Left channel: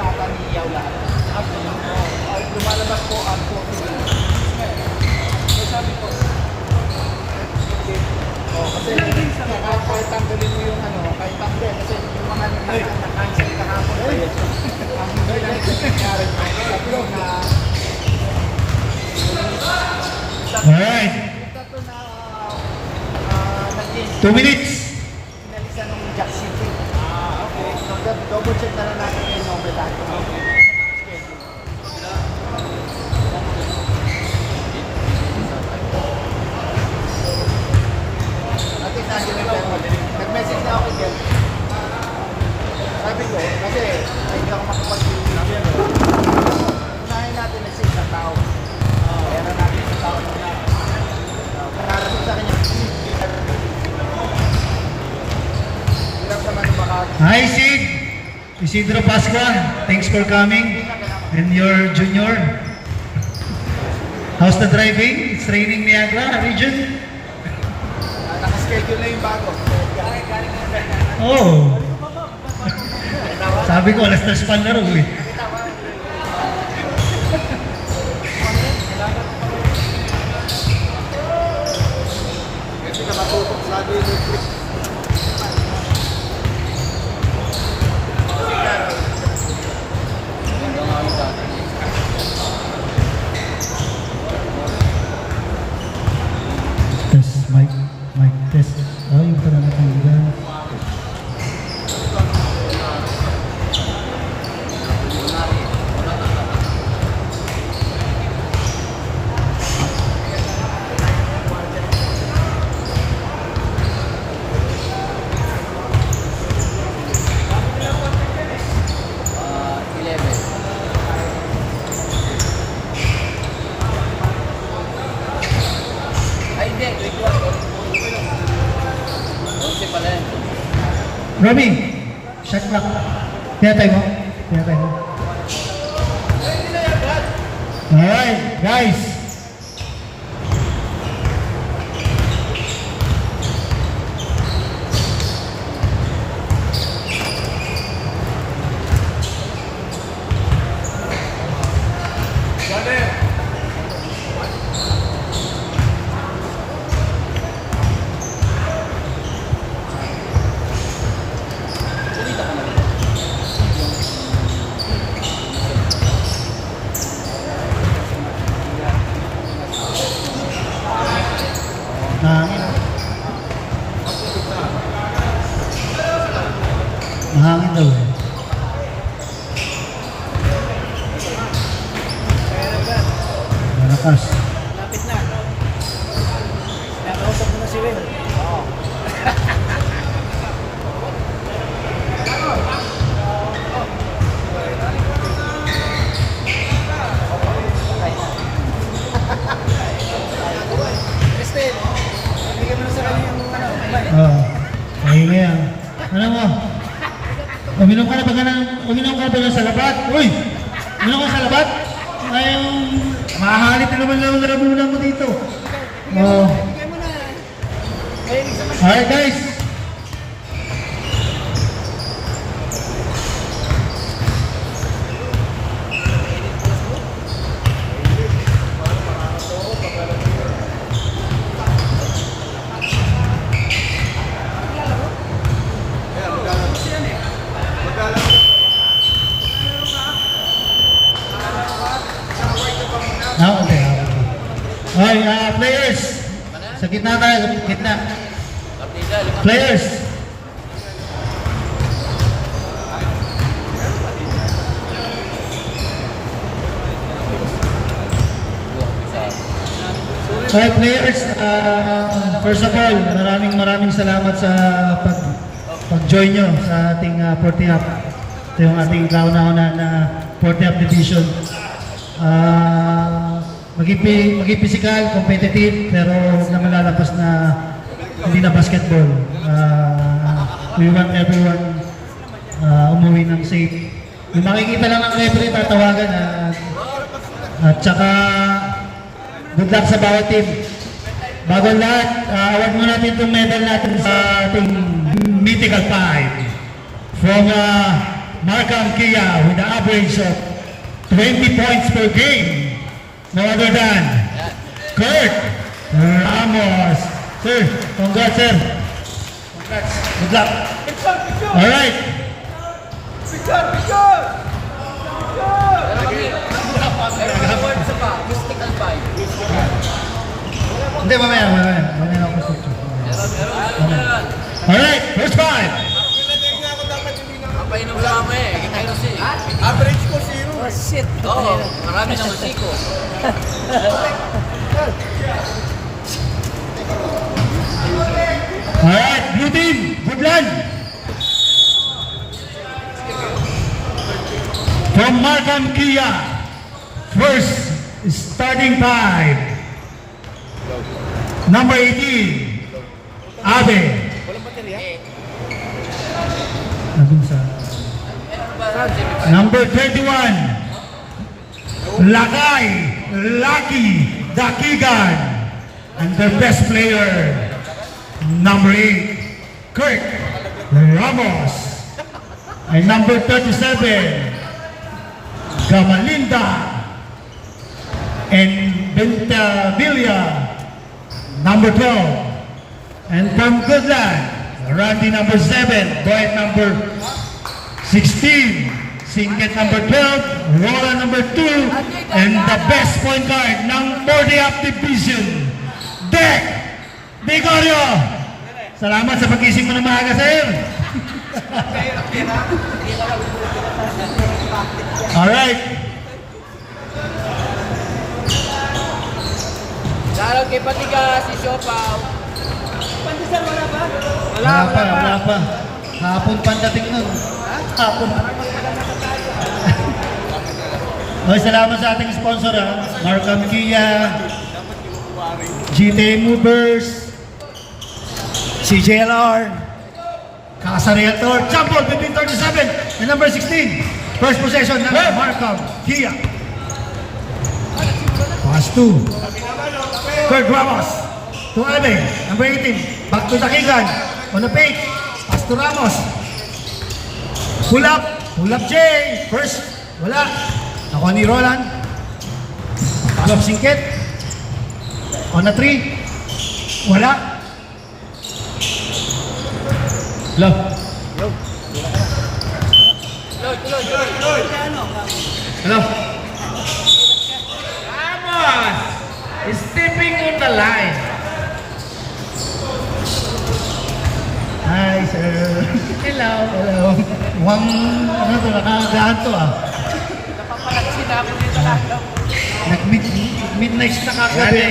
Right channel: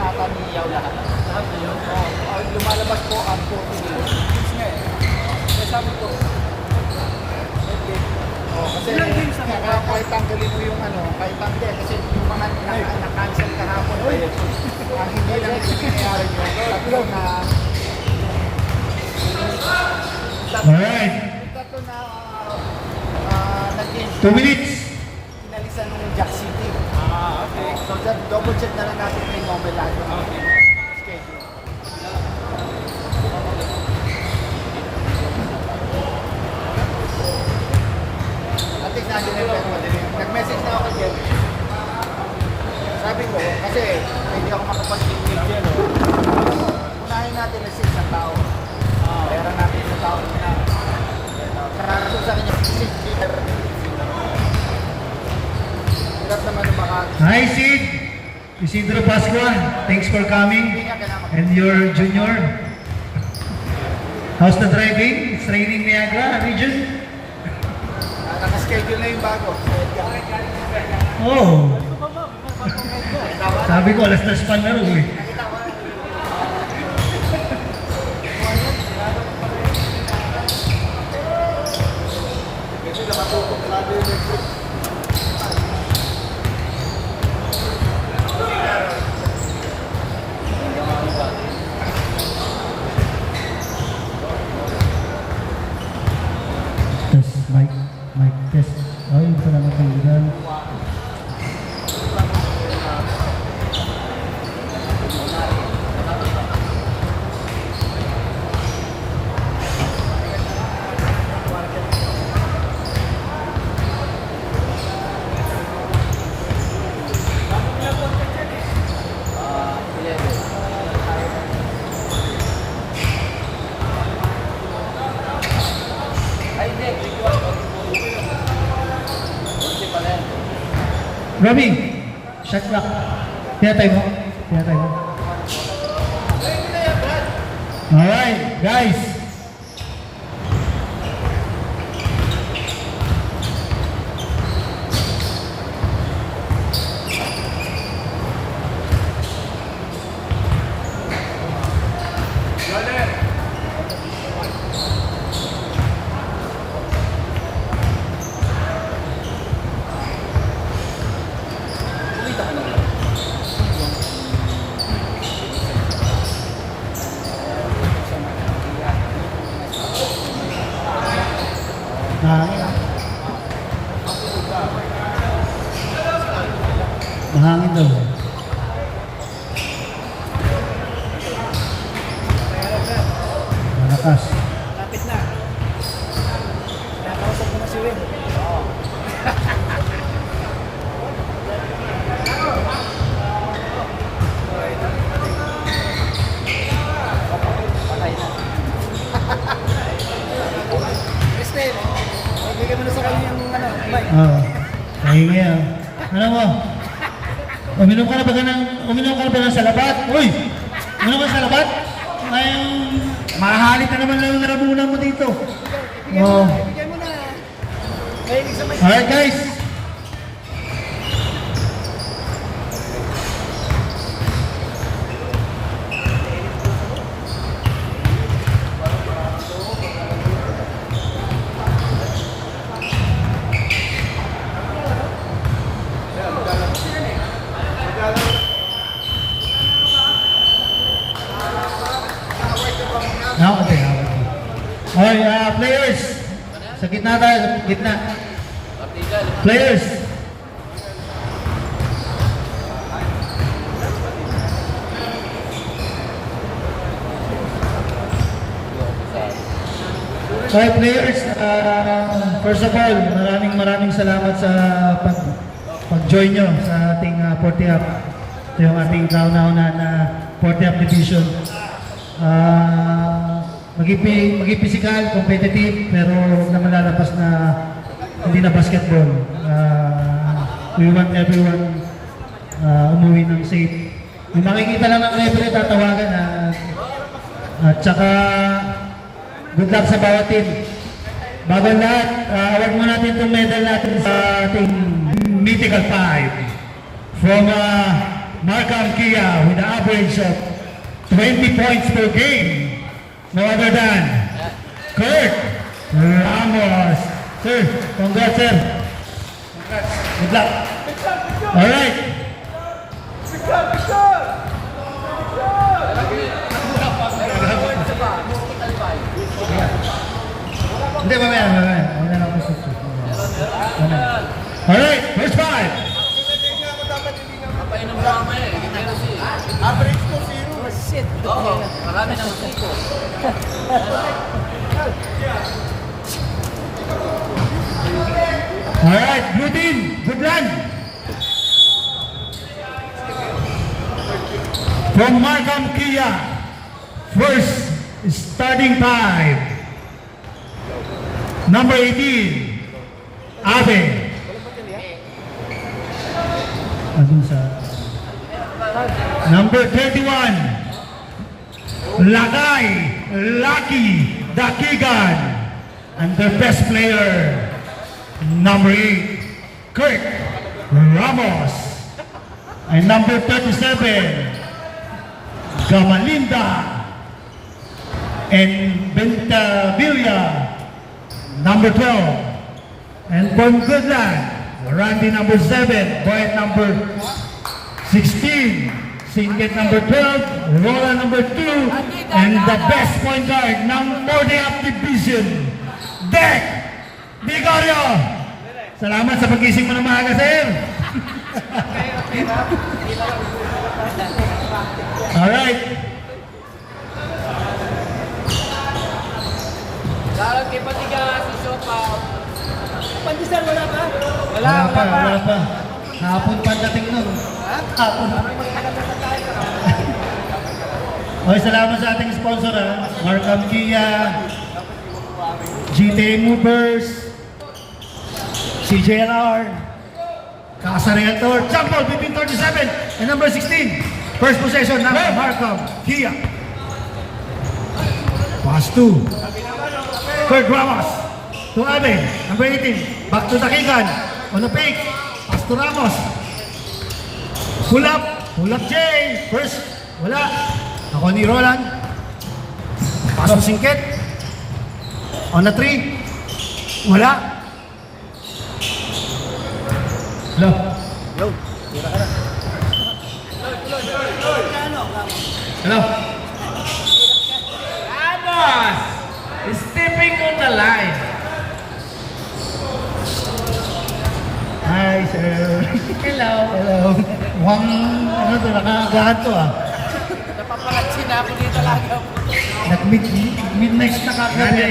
ata ni Yaula. Lumalabas po ang 40 minutes. Sabi ko, kasi kahit tanggalin mo yung kahit tanggalin, kasi yung mga na-cancel kahapon, ang hindi nangyari mo, tatlo na, Alright. tatlo na, 2 minutes. pinalisan ng Jack City. Okay. So, double check na lang natin yung Nobel natin. Schedule. At least nag-message na ako doon. Sabi ko, kasi hindi ako nakapag-video. Unahin natin na sa isang tao. Pera natin sa tao na. Sa kanya, hirap naman baka. Hi, Sid. Isidro Pascua. Thanks for coming. And your junior. How's the driving? It's raining Niagara region. Nakaschedule na yung bago. Oh. Sabi ko, alas na span na rin eh. Nakita ko. Kasi nakatutok lagi yung Netflix. Test, mic test. Oh, yung pala natanggal. Robbie, shot clock. Tinatay mo? Tinatay mo? Alright, guys. Mahangin daw. Malakas. Lapit na. Nakausap mo na si Will. Oo. Bigyan mo na sa kanya yung Oo. Mahingi ah. Ano mo? Uminom ka na ba ng salabat? Uy! Uminom ka ng salabat? Ay, mahahalit na naman lang lalamunan mo dito. Oh. bigyan mo na. Alright guys. Okay. Okay, players. Sa gitna tayo, sa gitna. Players. Okay, players. First of all, maraming salamat sa pag-join nyo sa ating 40 up. Ito yung ating kauna-una na 40 up division. Maging physical, competitive, pero huwag naman lalapas na hindi na basketball. We want everyone umuwi ng safe. Kung makikita lang ng referee, tatawagan at saka good luck sa bawat team. Bago ang lahat, award mo natin itong medal natin sa ating Mythical 5 from Markham Kia with an average of 20 points per game. No other than Kurt Ramos. Sir, congrats, sir. Good luck. All right. Hindi, mamaya na ako sa all right, first five. Painom sa kami. Ganyan kasi. Average ko 0. Oh, shit. Oo. Marami ng musiko. All right, blue team, good luck. From Markham Kia, first starting five. Number 18, Abe. Nandun sa... Number 21, Lakay, Lucky, Dakigan. And their best player, number 8, Kurt Ramos. And number 37, Gamalinda. And Ventavilla, number 12. And from Goodland, Randy number 7, Boyd number 16, Singlet number 12, Roland number 2, and the best point guard ng 40th Division, Dek Vicario. Salamat sa pag-ising mo ng maaga, sir. Alright. Lalo kay Patiga si Shopa. Pandesal, wala ba? Wala pa. Hapon pa ang dating nun. Hapon. Okay, salamat sa ating sponsor, Markham Kia, GTA Movers, CJLR, Casa Realtor, Champol between 37 and number 16. First possession ng Markham Kia. Pass 2. Kurt Ramos to Abe, number 18. Back to Dakigan. On the fake. Pass to Ramos. Pull up Jay. First, wala. Ako ni Roland. Alop Singkit. On the 3. Wala. Low. Hello. Ramos! Stepping on the line. Hi, sir. Hello. Hello. Mukhang, ano to, nakakagaan to Napapalatsin namin dito. Midnight na kagabi.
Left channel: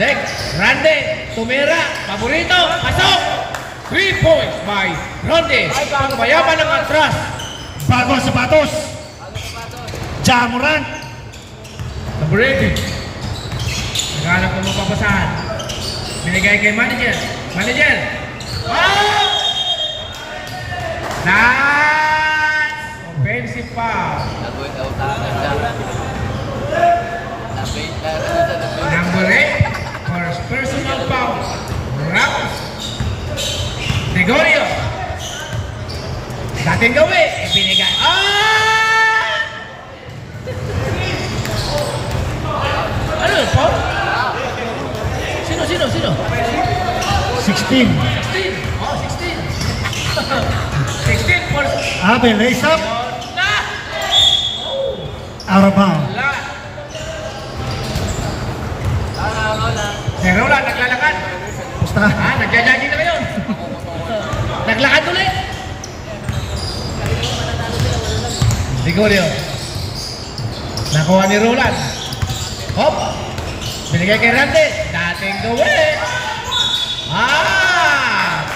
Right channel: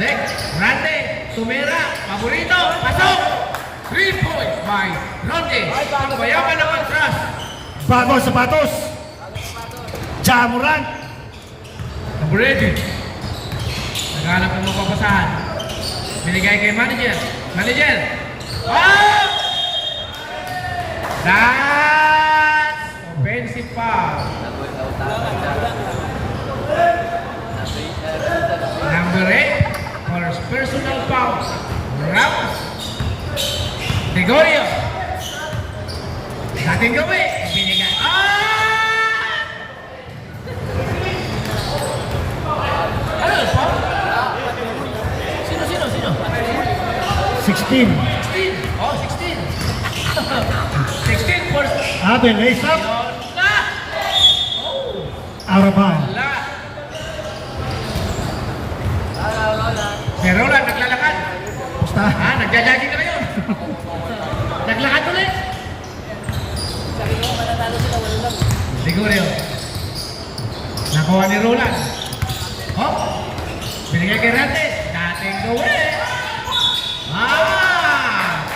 Dek, Randy, tumira, paborito, pasok! 3 points by Randy. Payaman ng atras. Bago ang sapatos. Jamoran. Number 18. Naghanap ng mapapasahan. Binigay kay manager. Manager! Ah! That's offensive foul. Number 8 for personal foul. Ramos. Gregorio. Dating gawin. Binigay. Ano po? Sino? 16. Oh, 16. 16 for... Abe, lace up. Na! Out of bounds. Wala. Pero wala, naglalakad. Basta. Nagja-jogging na ngayon. Naglakad ulit. Gregorio. Nakuha ni Roland. Hop. Binigay kay Randy. Dating gawin.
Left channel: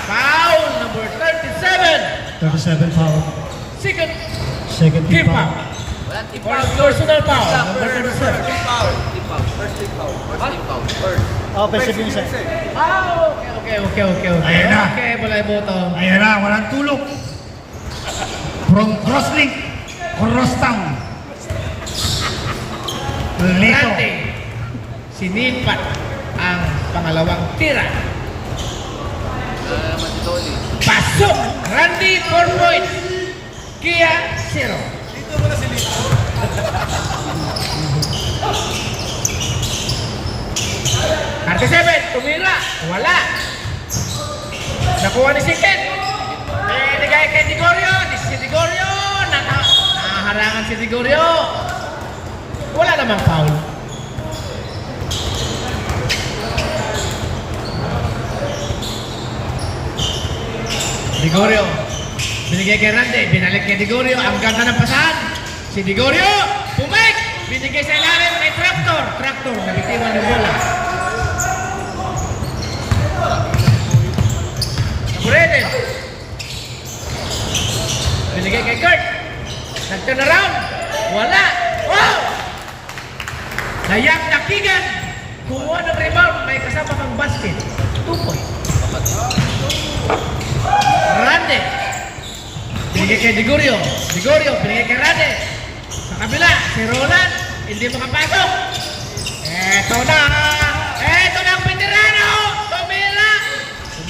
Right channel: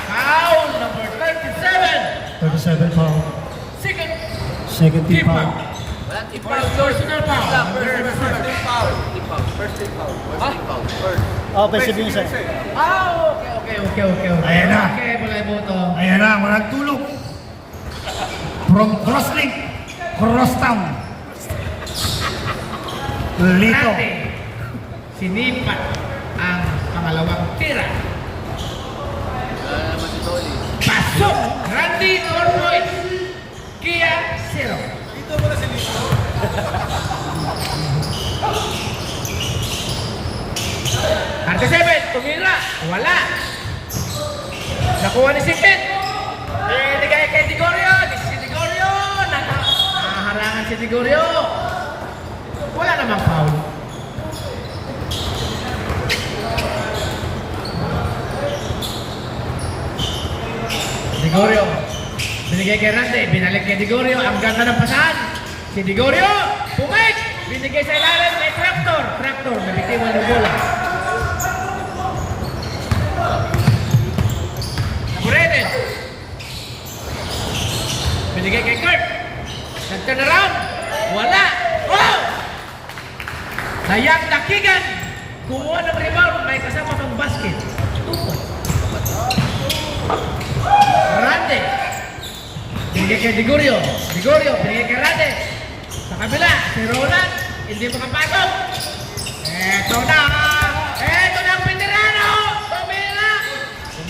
Foul number 37. 37 foul. Second team Keep foul. up. Personal foul. Okay, sige isa. Okay. Ayan na. Okay, wala yung boto. Ayan na, walang tulog. From Crosslink, Crosstown. Lito. Randy. Sinipat ang pangalawang tira. Wala naman si Toli. Pasok! Randy Corpoy! Kia 0. Dito mo na si Lito. Ante 7, tumira. Wala. Nakuha ni Siket. Binigay kay Digorio. Si Digorio. Naharangan si Digorio. Wala namang foul. Digorio. Binigay kay Rande. Binalik kay Digorio. Ang ganda ng pasahan. Si Digorio. Pumik. Binigay sa ilalim kay Tractor. Tractor. Nabitiwan ng bola. Ready. Binigay kay Kurt. Nag-turn around. Wala. Oh! Nayap na Kigan. Kumuha ng rebound. May kasama kang basket. 2 points. Rande. Binigay kay Digorio. Digorio. Binigay kay Rande. Sa kabila. Si Roland. Hindi makapasok. Eto na. Eto na ang veterano. Tumira.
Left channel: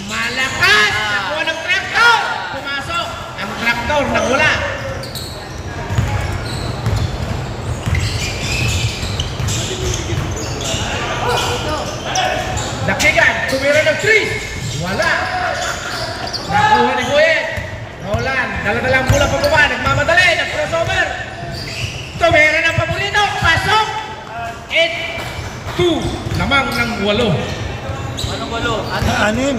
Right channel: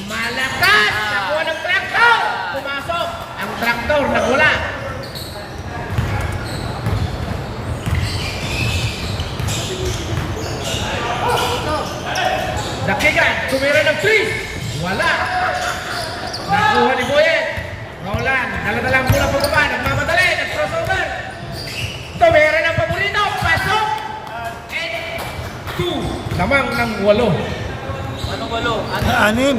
Malakas. Nakuha ng Tractor. Pumasok. Ang Tractor nagwala. Dakigan. Tumira ng 3. Wala. Nakuha ni Boyet. Roland. Dala-dalang bola pababa. Nagmamadali. Nag-crossover. Tumira ng paborito. Pasok. 8-2. Lamang ng 8. Anong walo? Anim.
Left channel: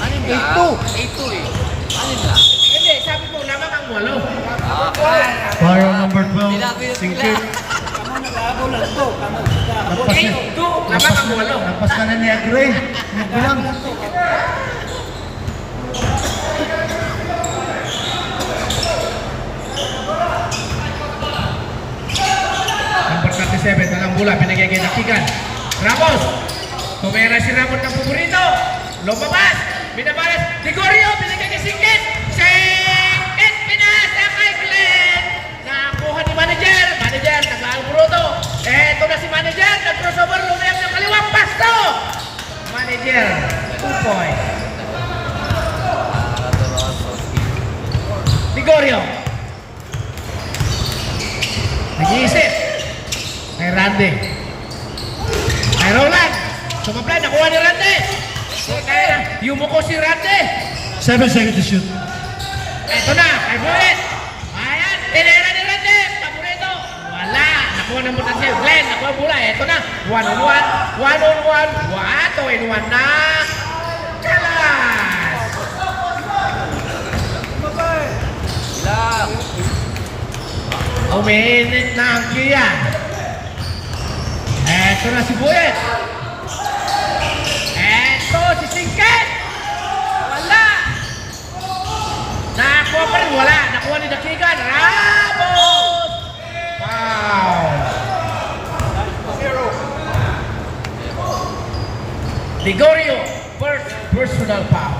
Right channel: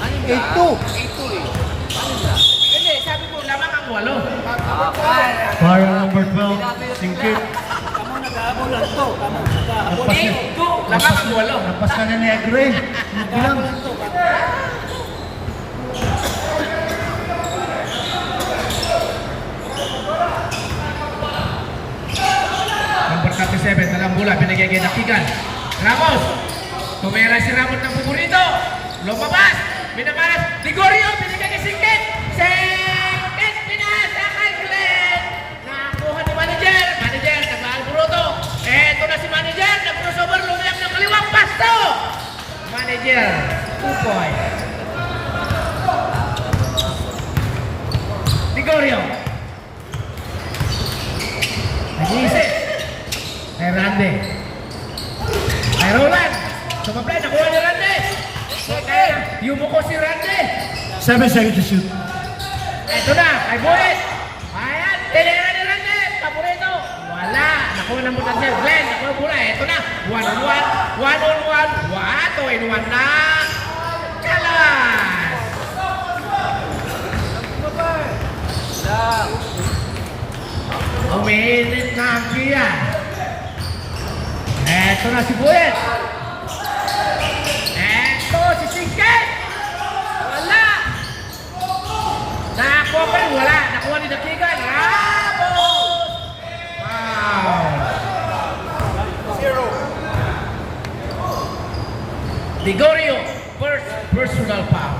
Anim na? 8-2. 8-2 eh. Anim na? Hindi, sabi mo lamang ang 8. Foul number 12, Singkit. Tama nag-aabol lang to. Tama nag-aabol. Lampas na. 8-2. Lamang ang 8. Lampas ka na ni Agre. Bilang. Number 37, talang bola, binigay kay Dakigan. Ramos. Tumira si Ramos ng paborito. Lumabas. Binabalas. Digorio, binigay kay Singkit. Singkit, pinasa kay Glenn. Nakuha ni manager. Manager, kasal Bruto. Eto na si manager. Nag-crossover, lumayang ng kaliwang pasto. Manager, 2 points. Digorio. Nag-iisip. Kay Randy. Kay Roland. Sumaplay, nakuha ni Randy. Yumuko si Randy. 7 seconds to shoot. Eto na, kay Boyet. Ayan, tinira ni Randy. Paborito. Wala. Nakuha ng butas si Glenn. Nakuha ang bola. Eto na. 1-on-1. 1-on-1. 2-in-1 na. Kalas. Umiinit na ang Kia. Eto na si Boyet. Eto si Singkit. Wala. Nakakuha pa rin. Wala. Nakuha ni Dakigan. Ramos. Wow. Digorio. First personal foul.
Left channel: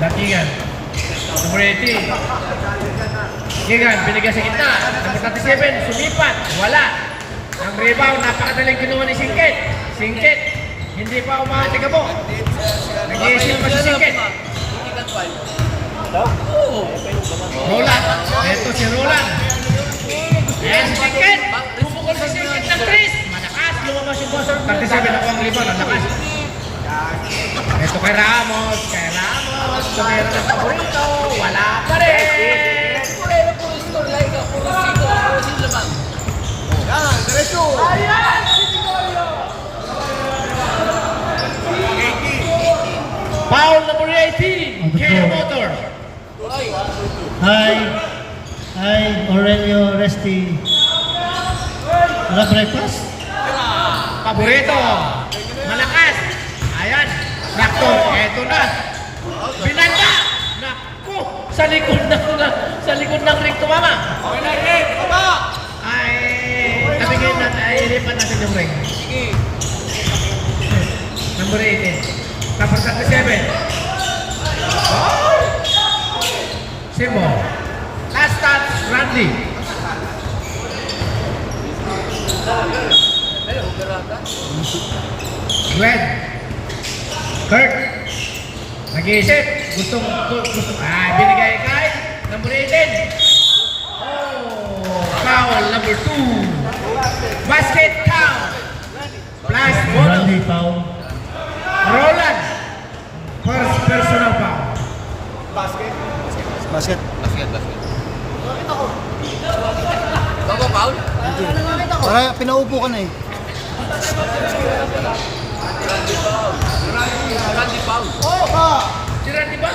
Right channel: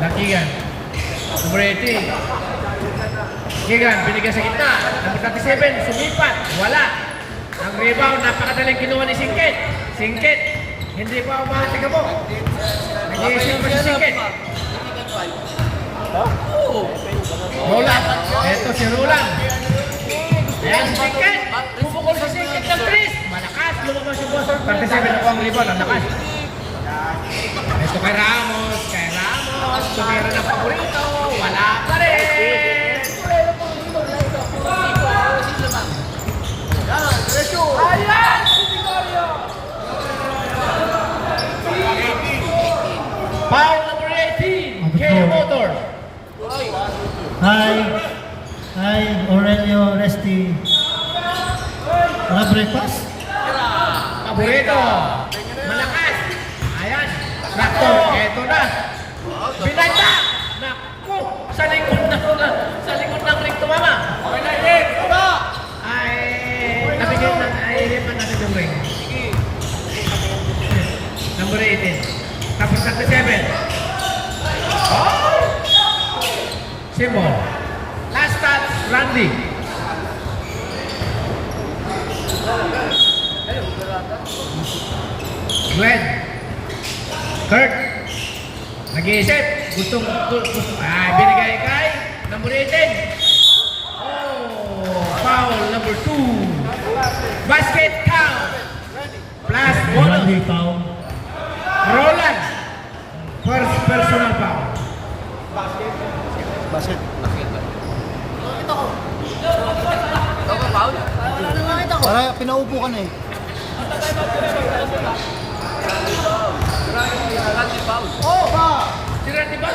Dakigan. Number 18. Kigan, binigay sa gitna. Number 37, sumipat. Wala. Ang rebound, napakadaling kinuha ni Singkit. Singkit. Hindi pa umatiga mo. Nag-iisip pa si Singkit. Roland. Ito si Roland. Yan si Singkit. Pupukol sa Singkit ng 3. Malakas. Lumabas yung boss. 37 ako ang rebound. Ang lakas. Ito kay Ramos. Kay Ramos. Tumira ng paborito. Wala pa rin. Foul number 18. K Motors. Hi. Hi, Aurelio Resti. Wala breakfast? Paborito. Malakas. Ayan. Sakto. Eto na. Binanda. Naku. Sa likod ng ring tumama. Okay na, Eden! Baba! Ay. Nabigay na. Ay, ilipan natin yung ring. Sige. Number 18. Number 37. Oh! Simon. Last touch, Randy. Glenn. Kurt. Nag-iisip. Gusto. Binigay kay number 18. Oh, foul number 2. Basket count. Plus bonus. Randy foul. Roland. First personal foul. Basket. Baka pinaupo ka na eh. Si Randy ba?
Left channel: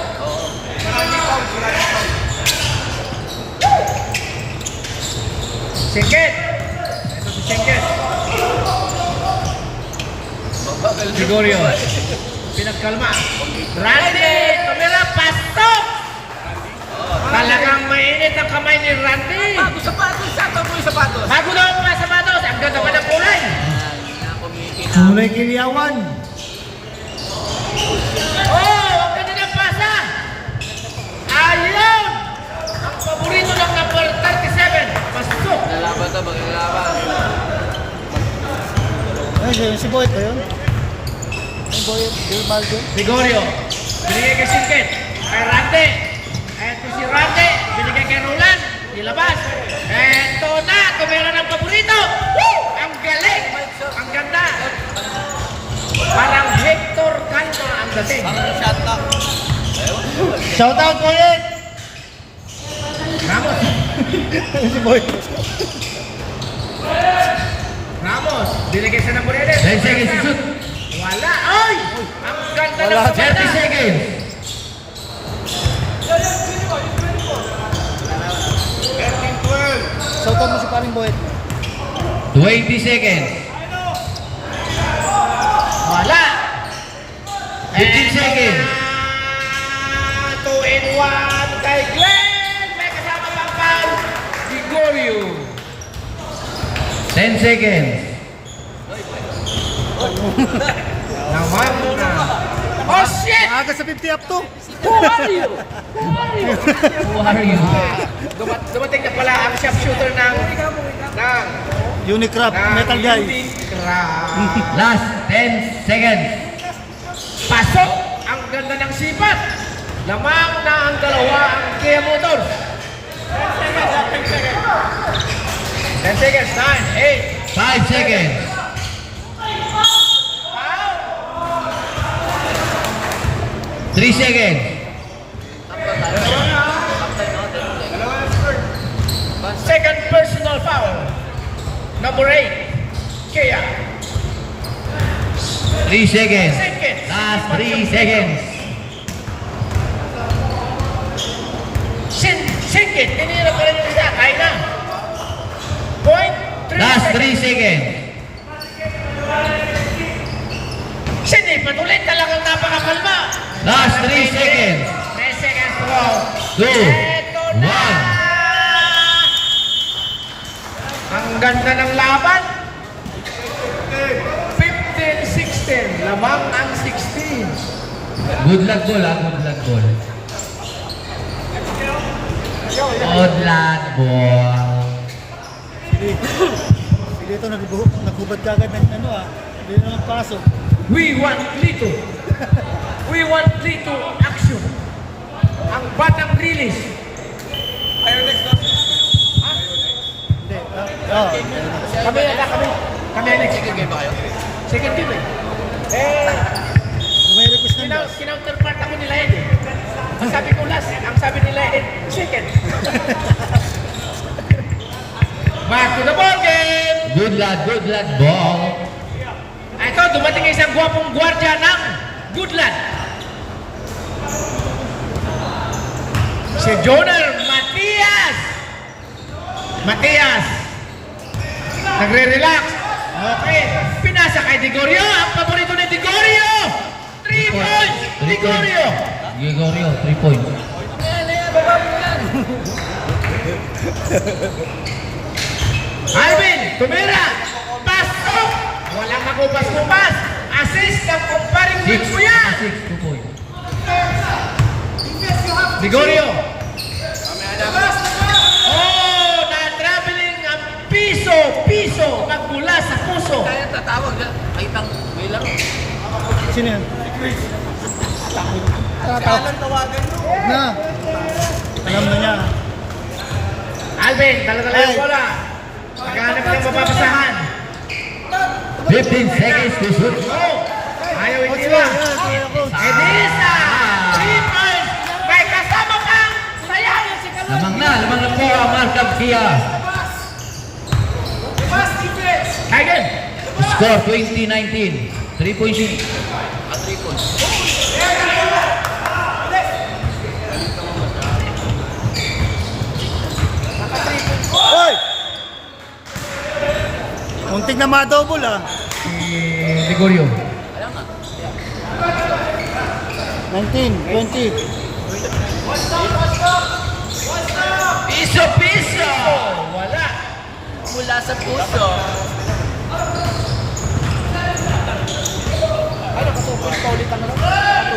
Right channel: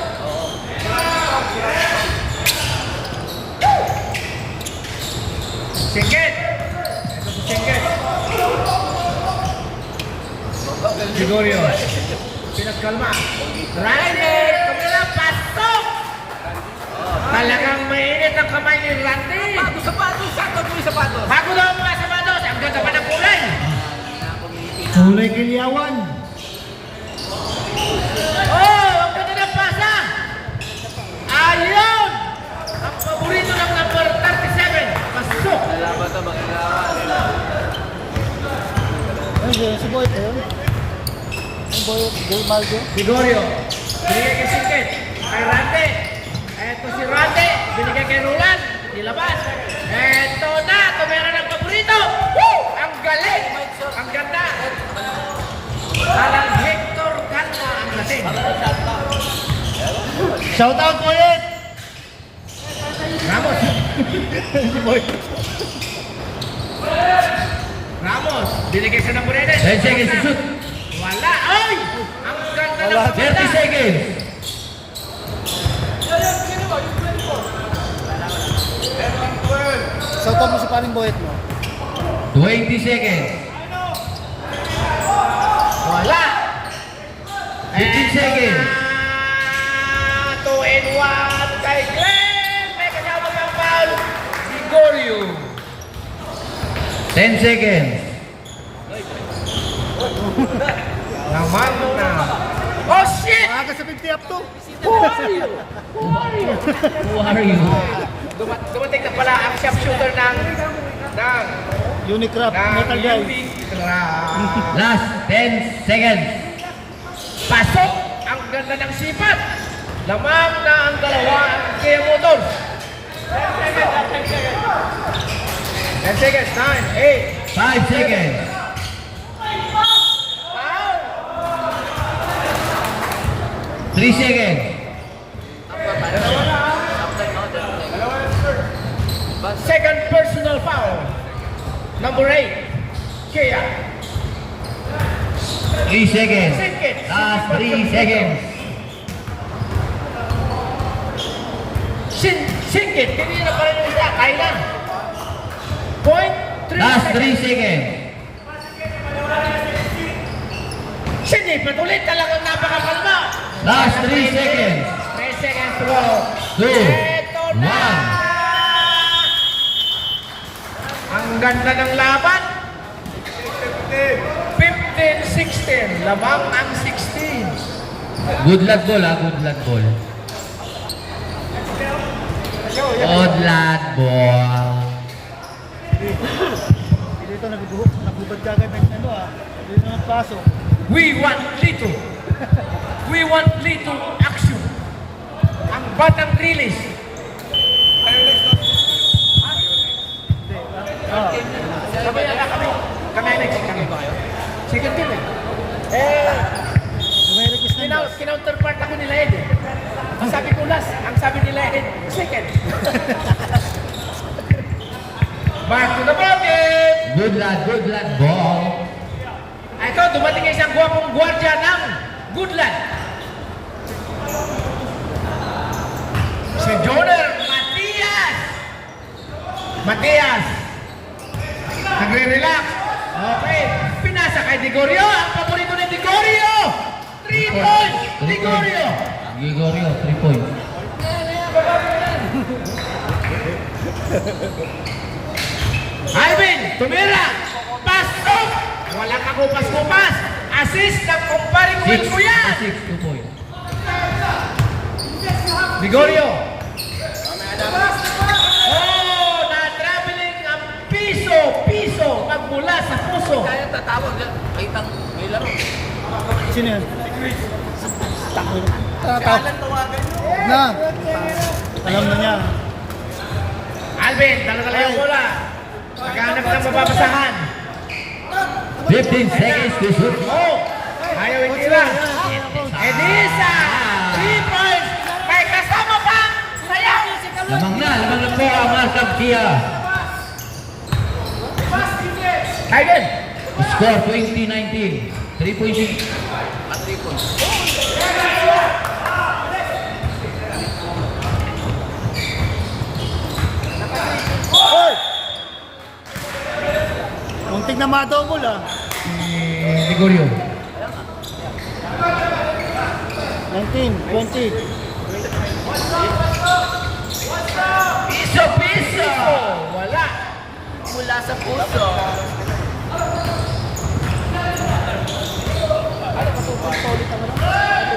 Singkit. Ito si Singkit. Gregorio. Pinagkalma. Randy! Kamera, pasok! Talagang mainit ang kamay ni Randy. Bago sapatos, sakto po yung sapatos. Bago daw ang mga sapatos. Ang ganda pa ng kulay. Kulay Kilyawan. Oh! Ang ganda ng pasa! Ayun! Ang paborito ng number 37. Pasok! Ay, si Boyd eh. Ay, Boyd. Del Malde. Gregorio. Binigay kay Singkit. Kay Randy. Eto si Randy. Binigay kay Roland. Nilabas. Eto na. Tumira ng paborito. Woo! Ang galing. Ang ganda. Parang Hector Calma ang dating. Shout out po yun! Ramos. Si Boyd. Ramos. Binigay sa number 11. 10 seconds to shoot. Wala. Ay! Ang ganda ng Wala, pagkata. 30 seconds. Sautan mo si paring Boyd mo. 20 seconds. Wala. 15 seconds. 2 and 1 kay Glenn. May kasama pang foul. Gregorio. 10 seconds. Naman na. Oh shit! Aga sa 50 up to. Who are you? Who are you? Who are you? Dumating na pala ang sharpshooter ng Unicraft, Metal Guy. Unicraft. Last 10 seconds. Pasok! Ang ganda ng sipat! Lamang na ang dalawa ang Kia Motors. 10 seconds, 9, 5 seconds. 3 seconds. Second personal foul. Number 8, Kia. 3 seconds. Singkit. Last 3 seconds. Singkit. Tinira pa rin yung isa. Kaya na. Point 3 Last seconds. 3 seconds. Sini, patuloy talagang napakakalma. Last 3 seconds. 10 seconds to go. 2, Ito na. 1. Ang ganda ng laban. 15-16. Lamang ang 16. Good luck ball ha. Good luck ball. Good luck ball. Dito nagbubad ka agad ng ano ah. Dito na nagpaso. We want Lito. We want Lito action. Ang batang release. Hindi. Oh. Kami na kami. Kami next kami. Second game eh. May request ng boss. Kinounterpart kami nila Ed. Ang sabi ko last, ang sabi nila Ed, second. Back to the ball game. Good luck ball. Ito, dumating isang gwapong gwardiya ng Goodland. Si Joner Matias. Nagre-relax. Okay. Pinasa kay Gregorio. Ang paborito ni Gregorio. 3 points. Gregorio. Gregorio, 3 points. Ano yan? Baba mo yan. Alvin, tumira. Pasok. Walang kagupas-gupas. Assist ng kumparing Will mo yan. 2 points. Gregorio. Oh, na-traveling ang piso. Magmula sa puso. Kaya tatawag, kahit ang may laro. Sino yan? Na. Alam na niya. Alvin, dala-dala yung bola. Naghahanap ng mapapasahan. 15 seconds to shoot. Oh! Ayaw hindi lang. Edisa! 3 points! May kasama pa! Sayang! Lamang na po ang Markham Kia. Again! Score 2019. 3-point shot. Hoy! Muntik na ma-double ah. Ligorio. 19, 20. Piso! Wala! Mula sa puso.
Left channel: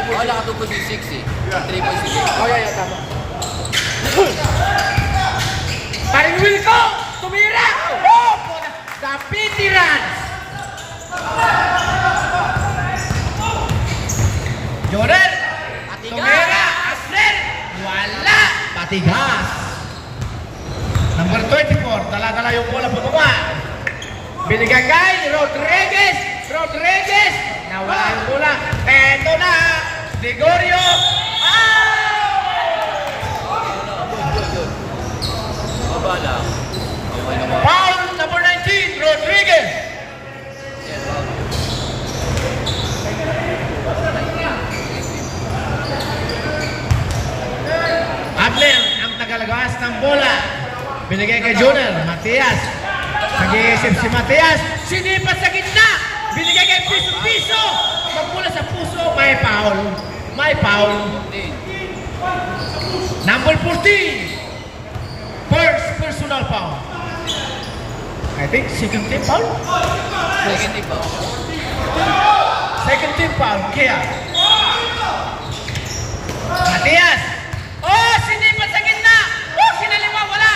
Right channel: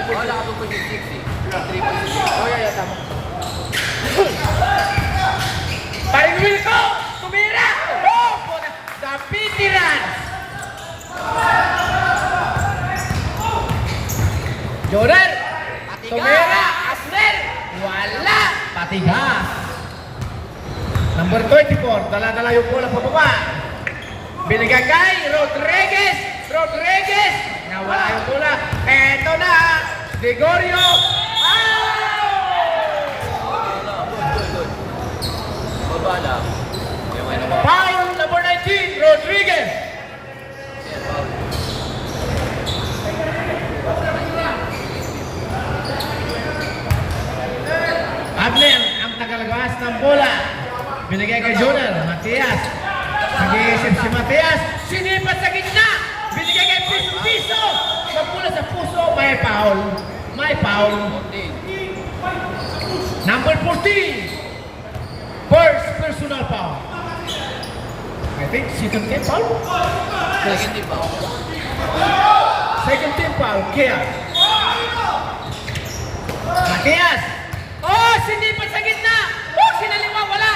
Wala ako po si 60. 3.6. Oh, yeah, tama. Paring Wilco! Tumira! Oh! The veterans! Jordan! Tumira! Asler! Wala! Patigas. Number 24, dala-dala yung bola pababa. Binigay kay Rodriguez! Nawala yung bola. Eto na! Ligorio! Baba lang. Okay naman. Foul number 19, Rodriguez! Yeah, foul. Ablen ang tagalagawas ng bola. Binigay kay Junior, Matias. Nag-iisip si Matias. Sinipat sa gitna. Binigay kay Piso. Magmula sa puso, may foul. Number 14. First personal foul. I think second team foul. Second team foul. Second team foul. Kaya. Matias. Oh, sinipat sa gitna. Oh, sinalima, wala.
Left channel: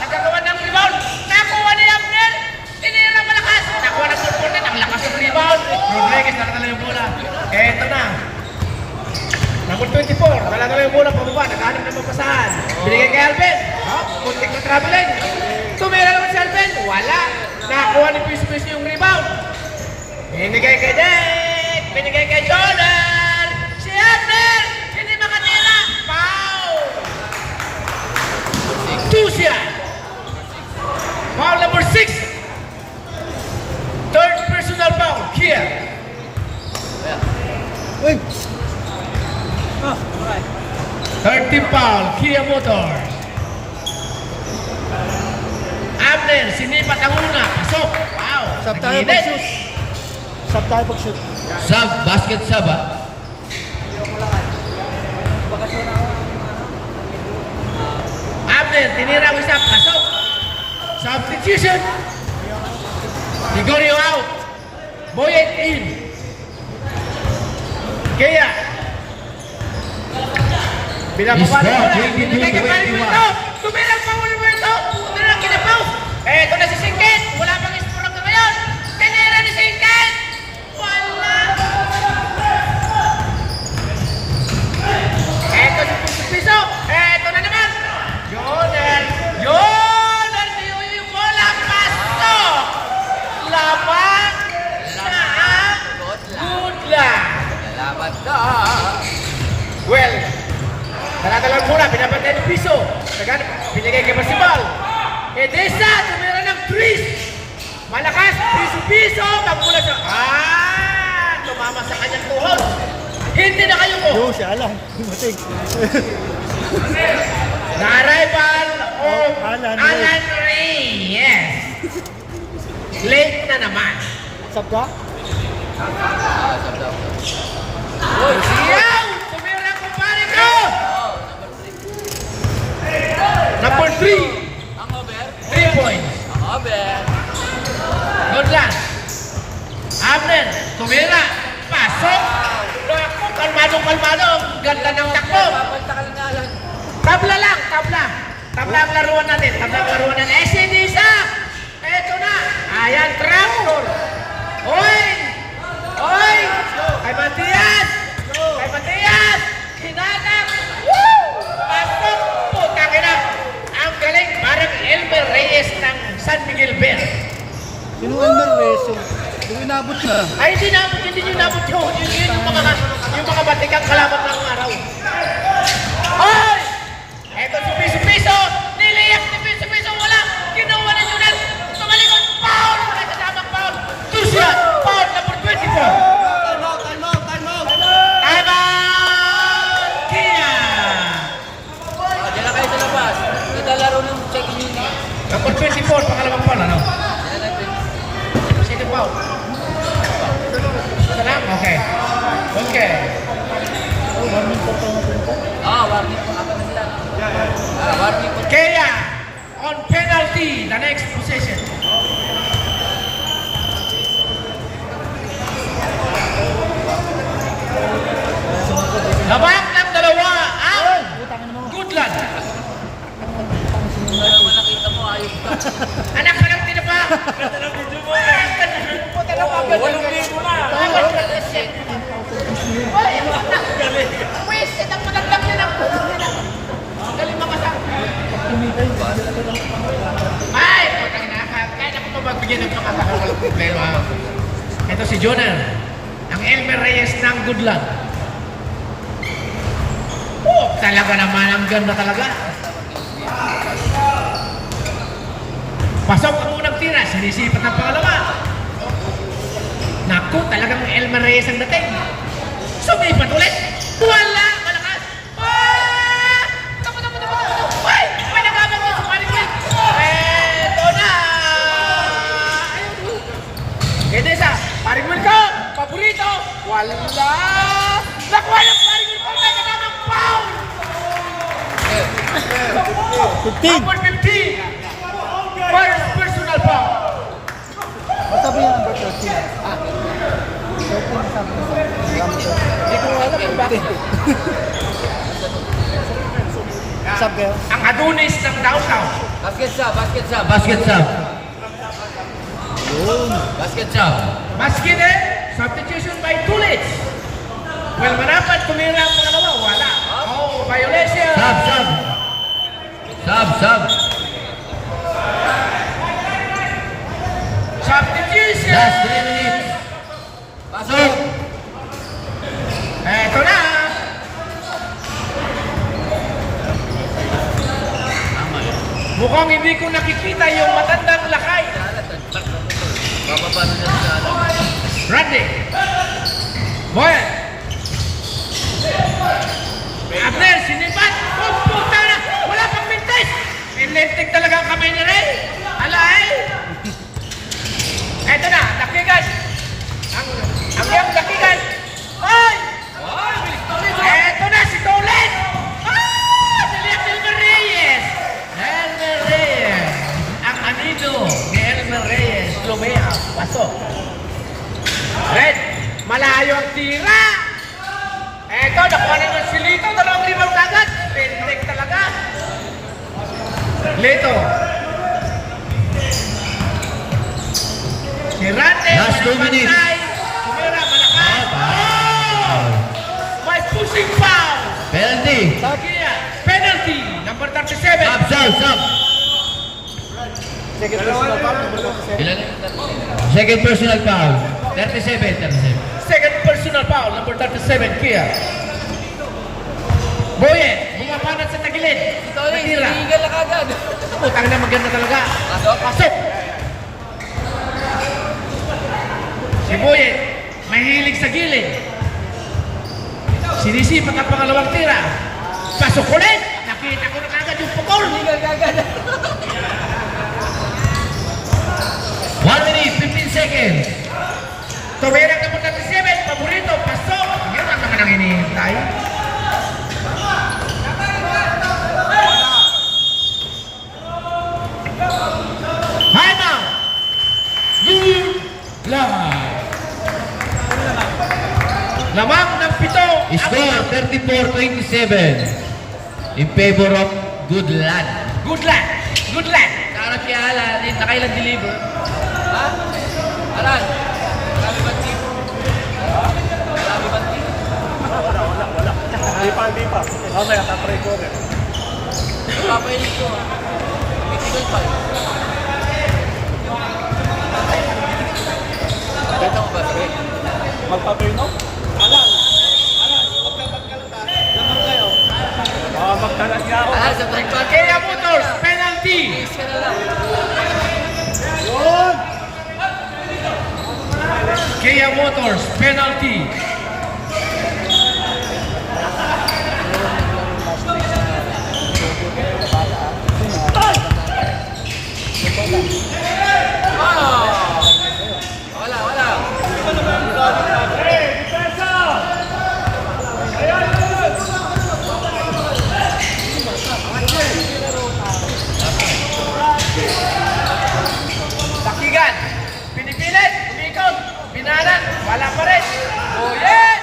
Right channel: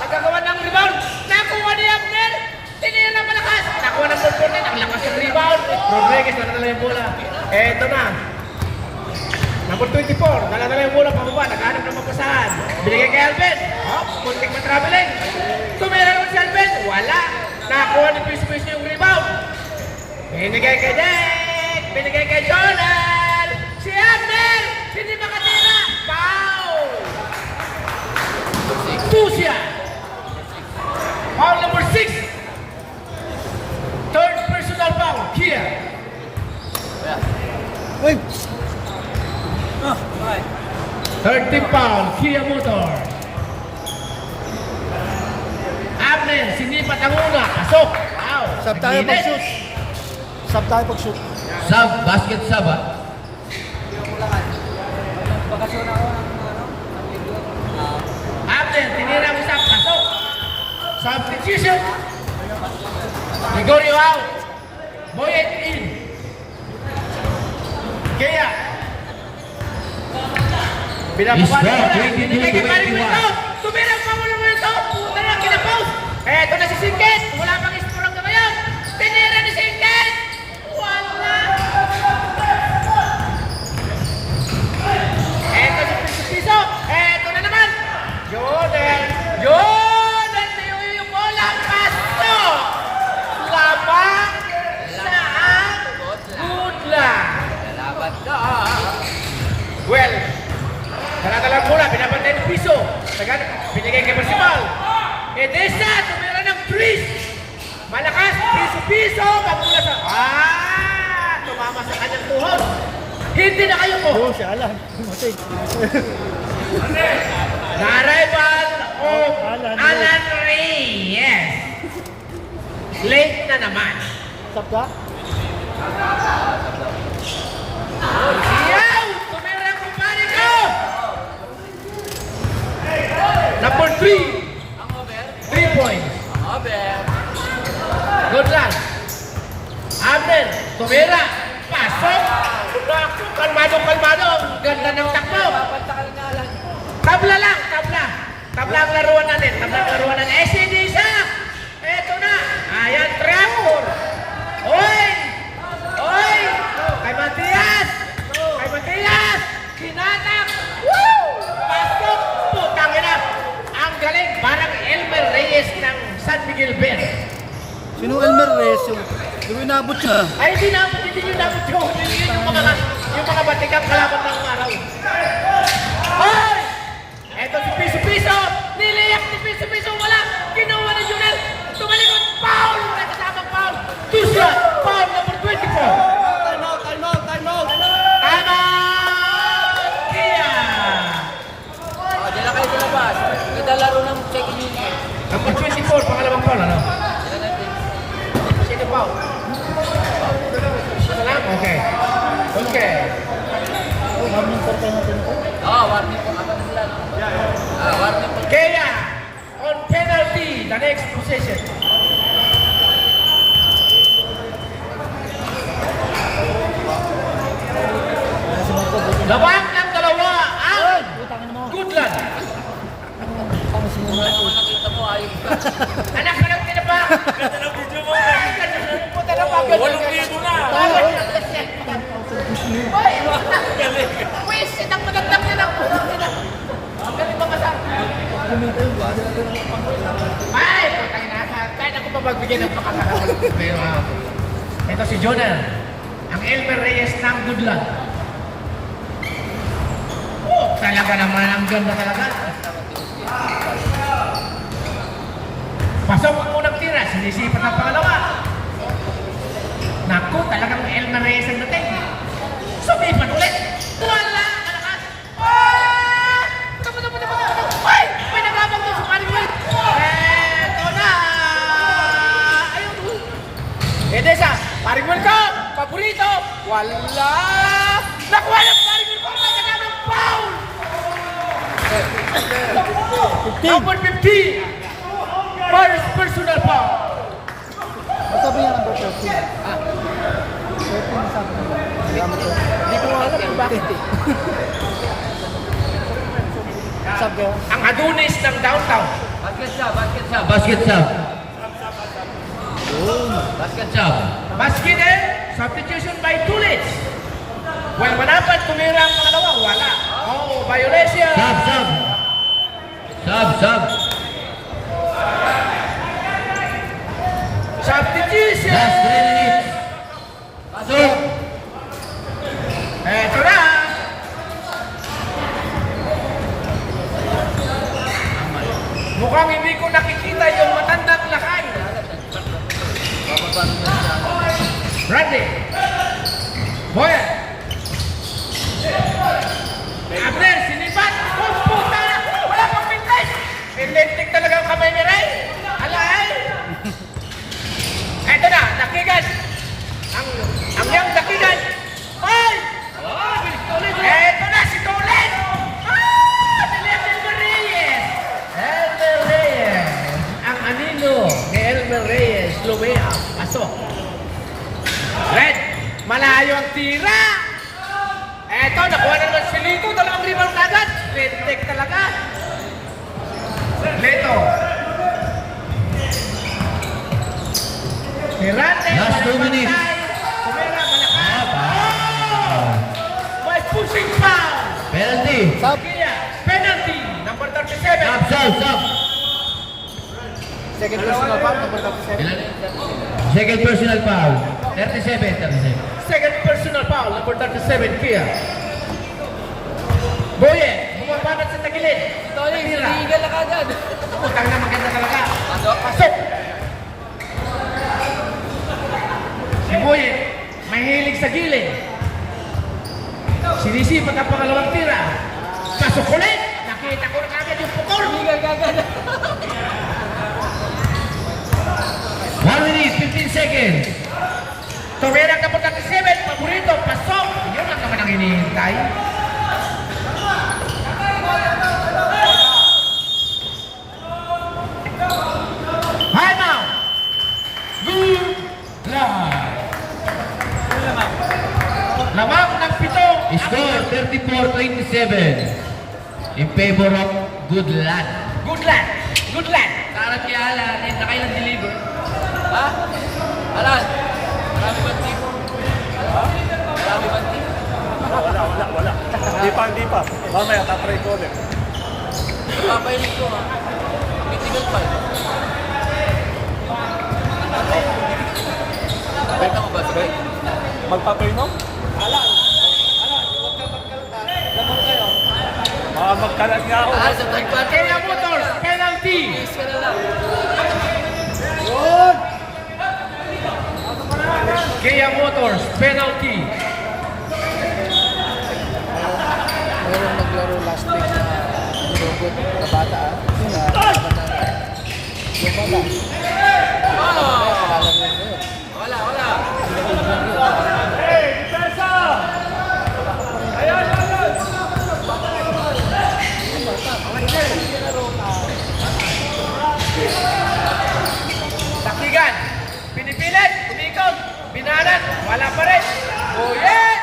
Nagagawa ng rebound. Nakuha ni Abner. Tinira malakas. Nakuha ng component. Ang lakas ng rebound. Rodriguez, dala-dala yung bola. Eto na. Number 24. Dala-dala yung bola. Pababa. Naghanap ng magkasahan. Binigay kay Alvin. Oh, muntik na traveling. Tumira naman si Alvin. Wala. Nakuha ni Piso yung rebound. Binigay kay Dek. Binigay kay Jonal. Si Abner. Hindi makatira. Foul. Tusia. Foul number 6. Third personal foul. Kia. Uy! Third team foul. Kia Motors. Abner. Sinipat ang una. Pasok. Foul. Sab tayo pag-shoot. Sab tayo pag-shoot. Sub, basket sub ah. Abner. Tinira mo isa. Pasok. Substitution. Ligorio out. Boyet in. Kaya. Binababa na bola. Binigay kay Paring Wilco. Tumira pa muna mo ito. Puta na kinapaw. Eto na si Singkit. Wala pang isturang ka ngayon. Pinira ni Singkit. Wala. Eto si Piso. Eto na naman. Jordan. Yung bola. Pasok. Lamang. Saan? Good lang. Good lang. Laban ka. Well, dala-dalang bola, pinapantay ng Piso. Binigay kay Masibal. Edesa, tumira ng Chris. Malakas, Piso. Magmula sa... tumama sa kanyang tuhod. Hindi na kayo ko. Oo, siya alam. Matig. The arrival of Alan Alan Ray. Yes. Late na naman. Sab ka? Siyaw! Tumira ang kumpare ko! Number 3. 3 points. Aben. Good lang. Abner, tumira. Pasok. Naku, kalmado. Ganda ng takbo. Papantakal nga lang. Tabla lang, tabla. Tabla ang laruan natin. SCD isa. Eto na. Ayan, tractor. Oy! Ay, Matias! Tinanak! Woo! Pasok! Putang ina! Ang galing! Parang Elmer Reyes ng San Miguel Bell. Sino Elmer Reyes? Hindi ko inabot siya. Ay, hindi nyo nabot yun. Yung mga batikang kalaban ng araw. Hoy! Eto si Piso-Piso! Niliyap ni Piso-Piso! Wala! Ginawa ni Junel! Tumalikot! Foul! Nagkasamang foul! Tusya! Foul number 24! Time out! Time out! Kia! Diyan na kayo sa labas. Naglalaro ng second unit. Number 24, pangalawang foul, ano? Diyan natin. Second foul. Ito lang? Okay. Okay. Warning po tayo natin ito. Warning po. Apat na sila, no? Warning po. Kaya, on penalty, the next possession. Labang ng dalawa ang Goodland. Muna naman nakita mo, ayok ka. Anak ka lang din ba? Pupunta na mga walang libo na. Wes, itang matandang yun ang galing mga sa... Ay! Kahit ako pa magbigyan ng pakasakal. Pero ito si Jonah, ang Elmer Reyes ng Goodland. Oh, talaga naman, ang ganda talaga. Pasok ang unang tira, sinisipat ang pangalawa. Naku, talagang Elmer Reyes ang dating. Sumipat ulit. Wala! Malakas! Ah! Tapo! Ay! May nagabang yung sumaring ulit! Eto na! Gede sa paring Will ko! Paborito! Wala! Nakuha ng paring Will ko! May nagabang foul! 15! Number 15! First personal foul! Sabi nga number 13. 13 sabi nga. Hindi ko alam kung bakit. Sabi kaya? Ang Adonis ng downtown. Basket sub. Basket sub. Yun. Basket sub. Basket substitution by Tulit. Well, manapan, tumira ang pangalawa. Wala. Oh, violation. Sub. Substitution. Last 3 minutes. Pasok. Eto na. Mukhang hindi ko nakikita yung matandang lakay. Papapano niya sa ano. Randy. Boyan. Abner, sinibat. Oh, puta na. Wala pang pintes. Electric talaga ang kamay niya rin. Alay. Eto na, dakigan. Ang yung dakigan. Ay! Eto na si Tolet. Dali ang Elmer Reyes. Elmer Reyes. Ang anino ni Elmer Reyes. Lumea. Pasok. Red. Malayo ang tira. Eto, nakuha naman si Lito. Dalawang rebound agad. Red talaga. Lito. Si Rante. Last 2 minutes. Kumira, malakas. Oh! May pushing foul. Penalty. Kia, penalty. Number 37. Sub. Second personal foul, number 37. Ilan? Second personal foul. 37. Second personal foul. Number 37. Kia. Boye, bumabanat sa tagilid. Tony, Tira. tinggal na kagad. Putang niya, maganda talaga. Pasok. Si Boye, mahilig sa gilid. Sinisipat ang pangalawang tira. Pasok ulit. Nakita ko na kagad yung pukol. Tinggal kagad. 1 minute, 15 seconds. Tumira ka po 37. Paborito. Pasok. Yun lang naman ang hinihintay. Time out. Line. Lamang ng pito. Score 34-27 in favor of Goodland. Good luck. Good luck. Kaharap kay Alan, nakailang deliver. Ha? Alan, marami ba? Marami ba? Di pa Mamaya, tatry ko rin. Papainin ko ha. Critical pa. Kita mo ba? Sabay. Magpapay mo? Magkaragya ako. Ah, sa third party. Kaya Motors, penalty. Please ka na lang. Yun! Kaya Motors, penalty. Oh! Wala, wala. Takigan, pinipilit, umikot, binanan, wala pa rin. Goyen!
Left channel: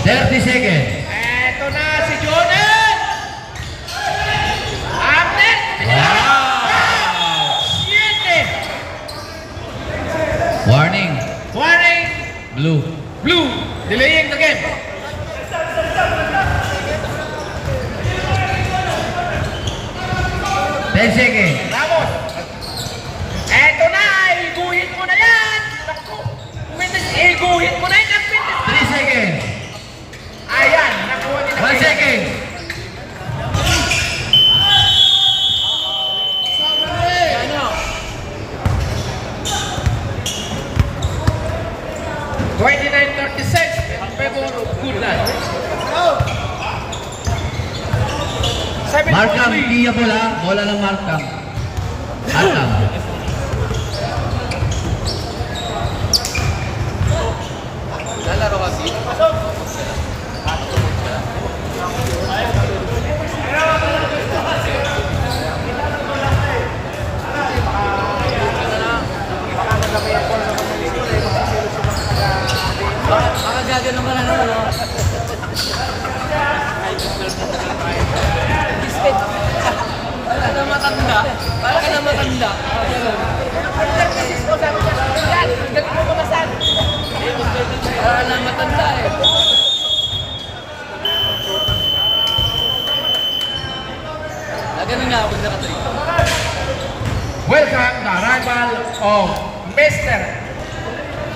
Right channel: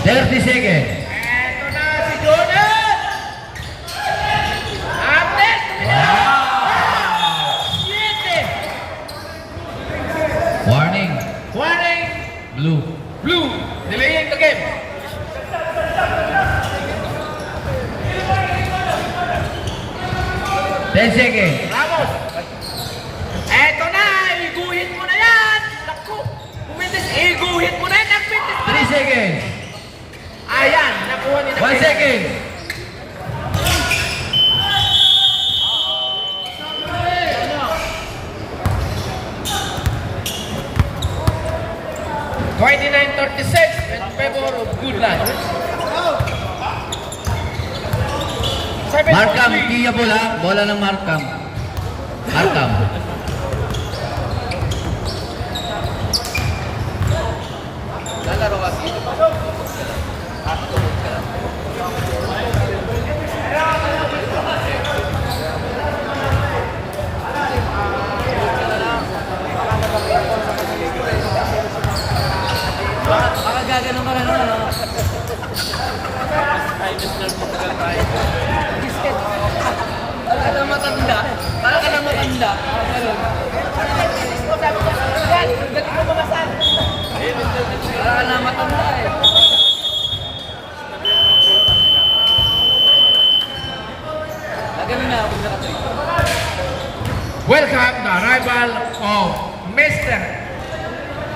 30 seconds. Eto na si Jonet! Amnet! Wow! 7! Warning. Warning! Blue. Blue, delaying the game. Ten seconds. Ramos! Eto na! Iguhin mo na yan! Naku! Kumitis, iguhin mo na yan! Nagpitis! 3 seconds. Ayan! Nakuha ni 1 second. $29.36 in favor of Goodland. Markham, Kia bola. Bola ng Markham. Markham. Lalaro kasi. Matukot ka lang. Matukot ka lang. Matukot ka na lang. Baka gaganon ka na naman, no? Gisket. Para ka na matanda. Para ka na matanda. Ganun. Para na matanda eh. Ganun na ako nakatay. Welcome the arrival of Mr.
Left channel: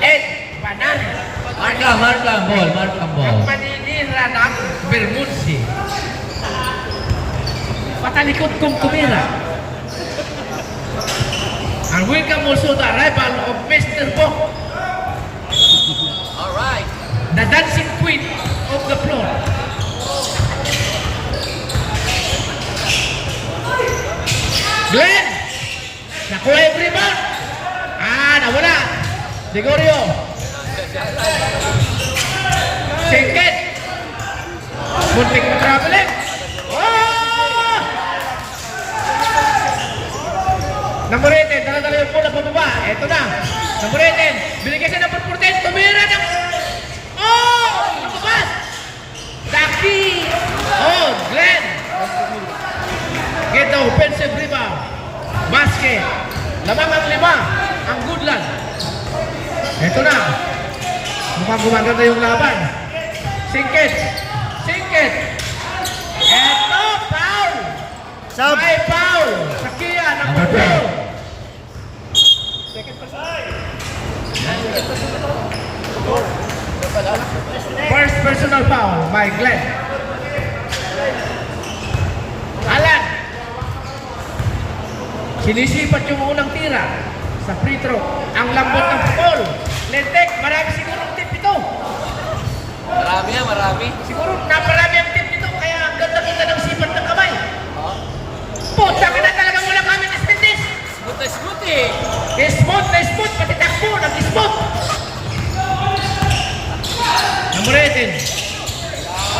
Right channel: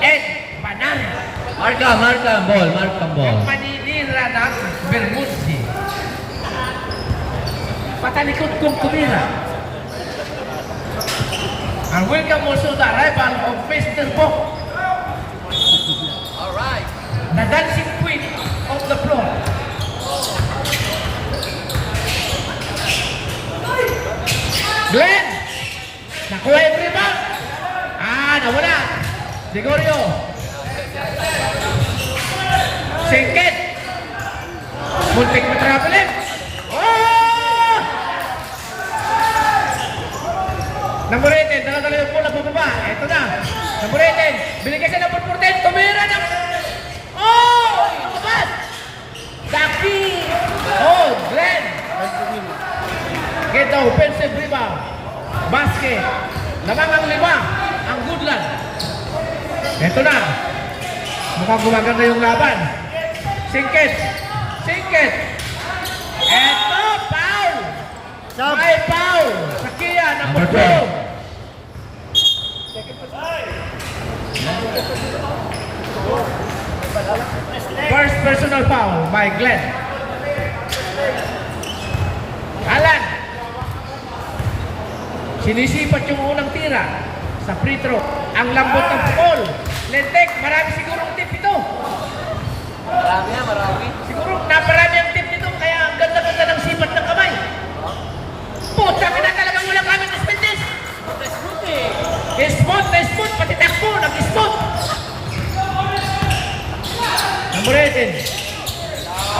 Ed Bananes. Markham, Markham ball. Markham ball. Manilira ng Bermudzi. Patalikod kong tumira. And welcome also the arrival of Mr. Bo, Alright. the dancing queen of the floor. Glenn! Nakuha yung rebound! Ah, nawala! Gregorio! Singkit! Muntik na traveling! Oh! Namuritin, dala-dala yung bola pababa. Eto na. Namuritin, binigay siya ng 14, tumira na. Oh! Tabas! Daki! Oh, Glenn! Get the offensive rebound. Basket. Lamang ang 5. Ang Goodland. Eto na. Mukhang gumaganda yung laban. Singkit. Singkit. Eto, foul. Sab. May foul. Sa Kia, Number number 12. First personal foul by Glenn. Alan. Sinisipat yung unang tira sa free throw. Ang lambot ng ball. Lentek, marami sigurong tip ito. Marami nga, marami. Siguro naparami ang tip ito, kaya ang ganda-ganda ng sipat ng kamay. Puta ka na talagang wala kami ng stendis. Smooth eh. Smooth na smooth, pati takbo, nag-smooth. Namuritin.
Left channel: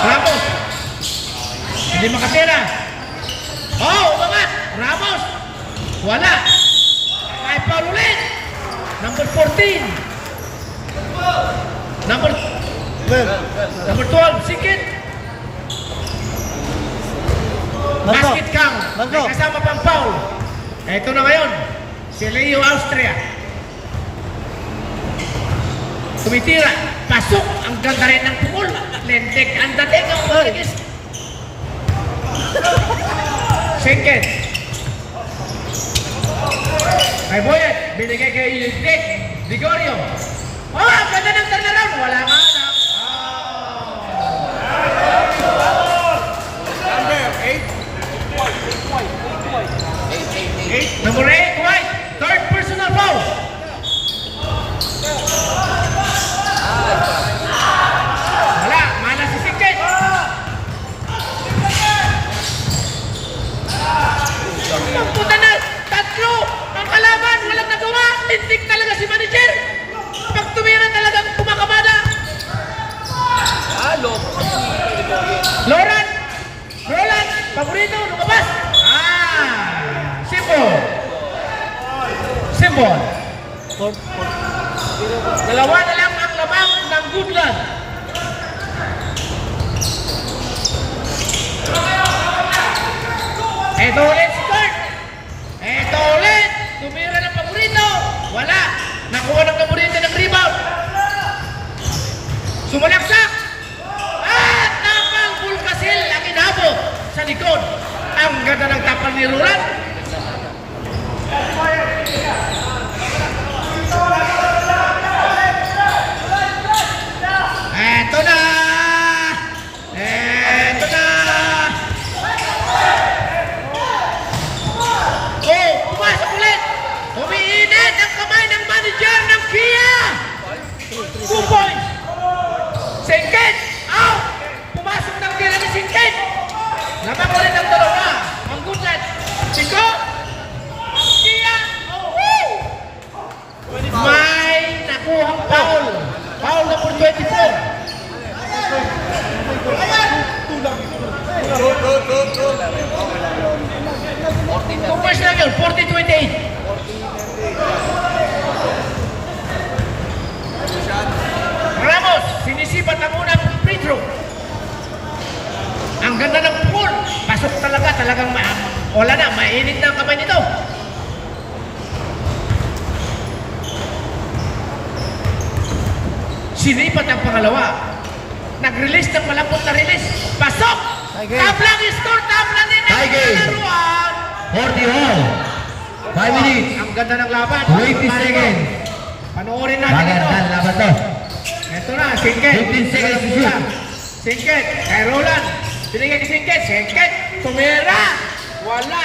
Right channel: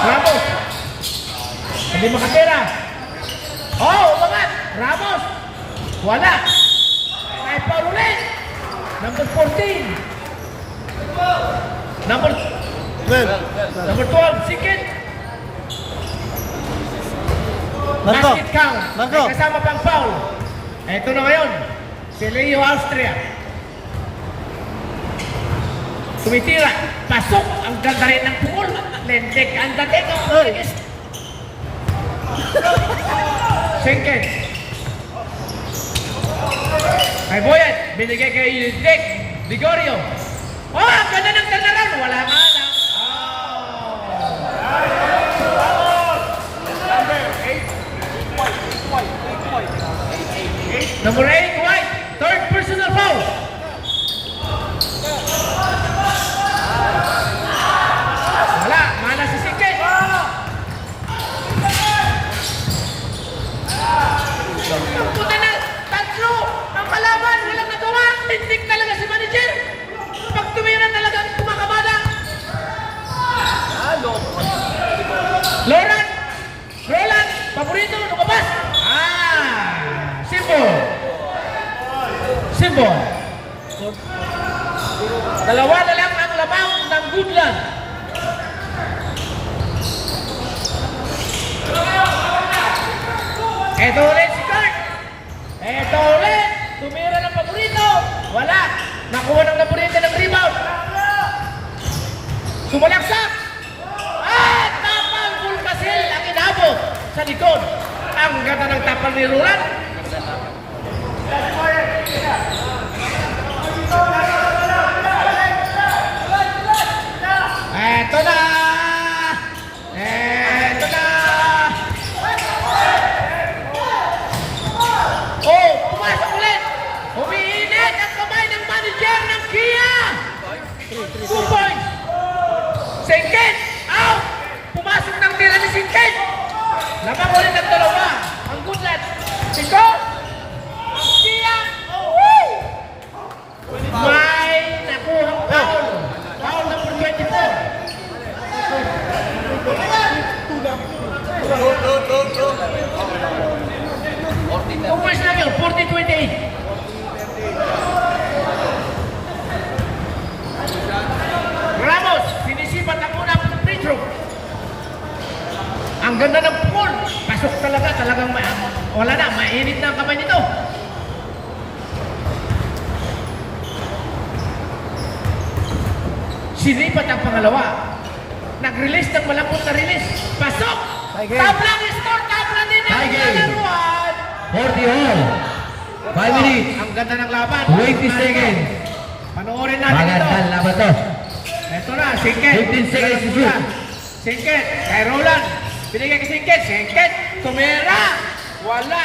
Ramos. Hindi makatira. Oh, umangat. Ramos. Wala. Ay, foul ulit. Number 14. Number 12, Sikit. Basket count. May kasama pang foul. Ito na ngayon. Si Leo Austria. Tumitira. Pasok. Ang ganda rin ng pukul. Lentek ang dating. Singkit. Kay Boyet. Binigay kay Lentek. Ligorio. Oh, ang ganda ng turnaround. Wala nga lang. Number 8, White. Third personal foul. Wala, mana si Singkit. Ang puta na, tatlo. Ang kalaban, walang nagawa. Lintik talaga si manager. Pag tumira talagang tumakamada. Loran. Roland. Paborito, lumabas. Simple. Simple. Dalawa na lang ang labang ng Goodland. Ito ulit start. Ito ulit. Tumira ng paborito. Wala. Nakuha ng paborito ng rebound. Sumalaksak. At tapang Bulkasil ang inabot sa likod. Ang ganda ng tapang ni Roland. Eto na! Eto na! Oh, pumasok ulit! Umiinit ang kamay ng manager ng Kia! 2 points! Singkit! Out! Pumasok ng tira ni Singkit! Labang ulit ang dalawa! Ang Goodland! Singko! Kia! Oh! May nakuhang foul! Foul number 24! Kumpres lang yun, 40-28. Ramos, sinisipat ang unang free throw. Ang ganda ng pukul. Pasok talagang wala na, mainit na ang kamay nito. Sinipat ang pangalawa. Nag-release ng malapot na release. Pasok! Top lang yung score! Top lang din ang lalaruan! 40 all. 5 minutes. Ang ganda ng laban. 20 seconds. Panoorin natin ito. Magandang laban to. Ito na, Singkit. 15 seconds to shoot. Singkit, kay Roland. Binigay kay Singkit. Singkit, tumira. Wala.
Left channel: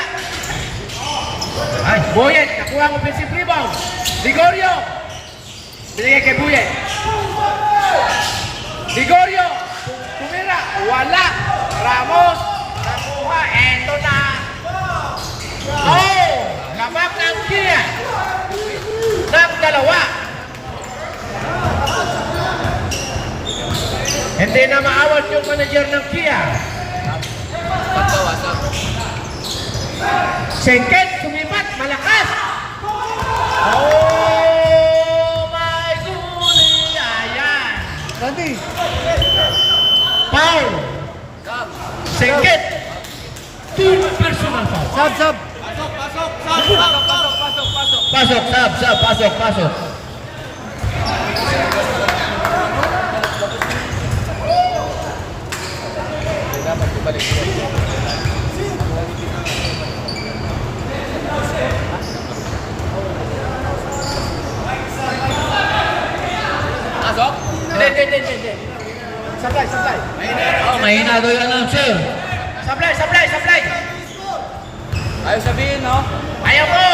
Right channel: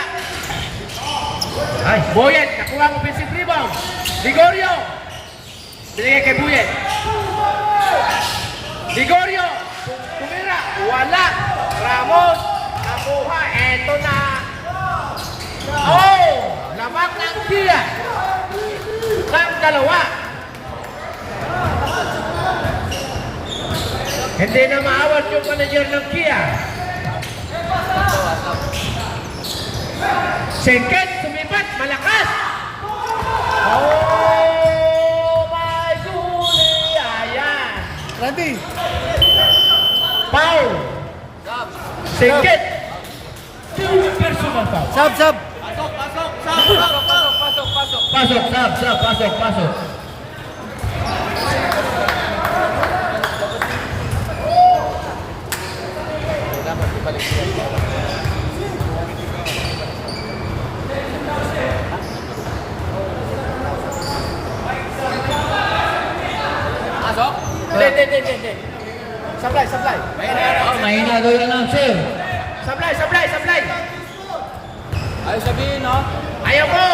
Ay. Boyet, nakuha ang offensive rebound. Ligorio. Binigay kay Boyet. Ligorio, tumira. Wala. Ramos, nakuha. Eto na. Oh, labak ng Kia. Ng dalawa. Hindi na maawat yung manager ng Kia. Singkit, sumipat, malakas. Oh my goodness. Ayan. Randy, Foul. Singkit. 2 personal foul. sub. Pasok, pasok. Pasok? Hindi. Supply. Mahina daw yung announcer. Supply. Ayaw sabihin, no? Ayaw mo.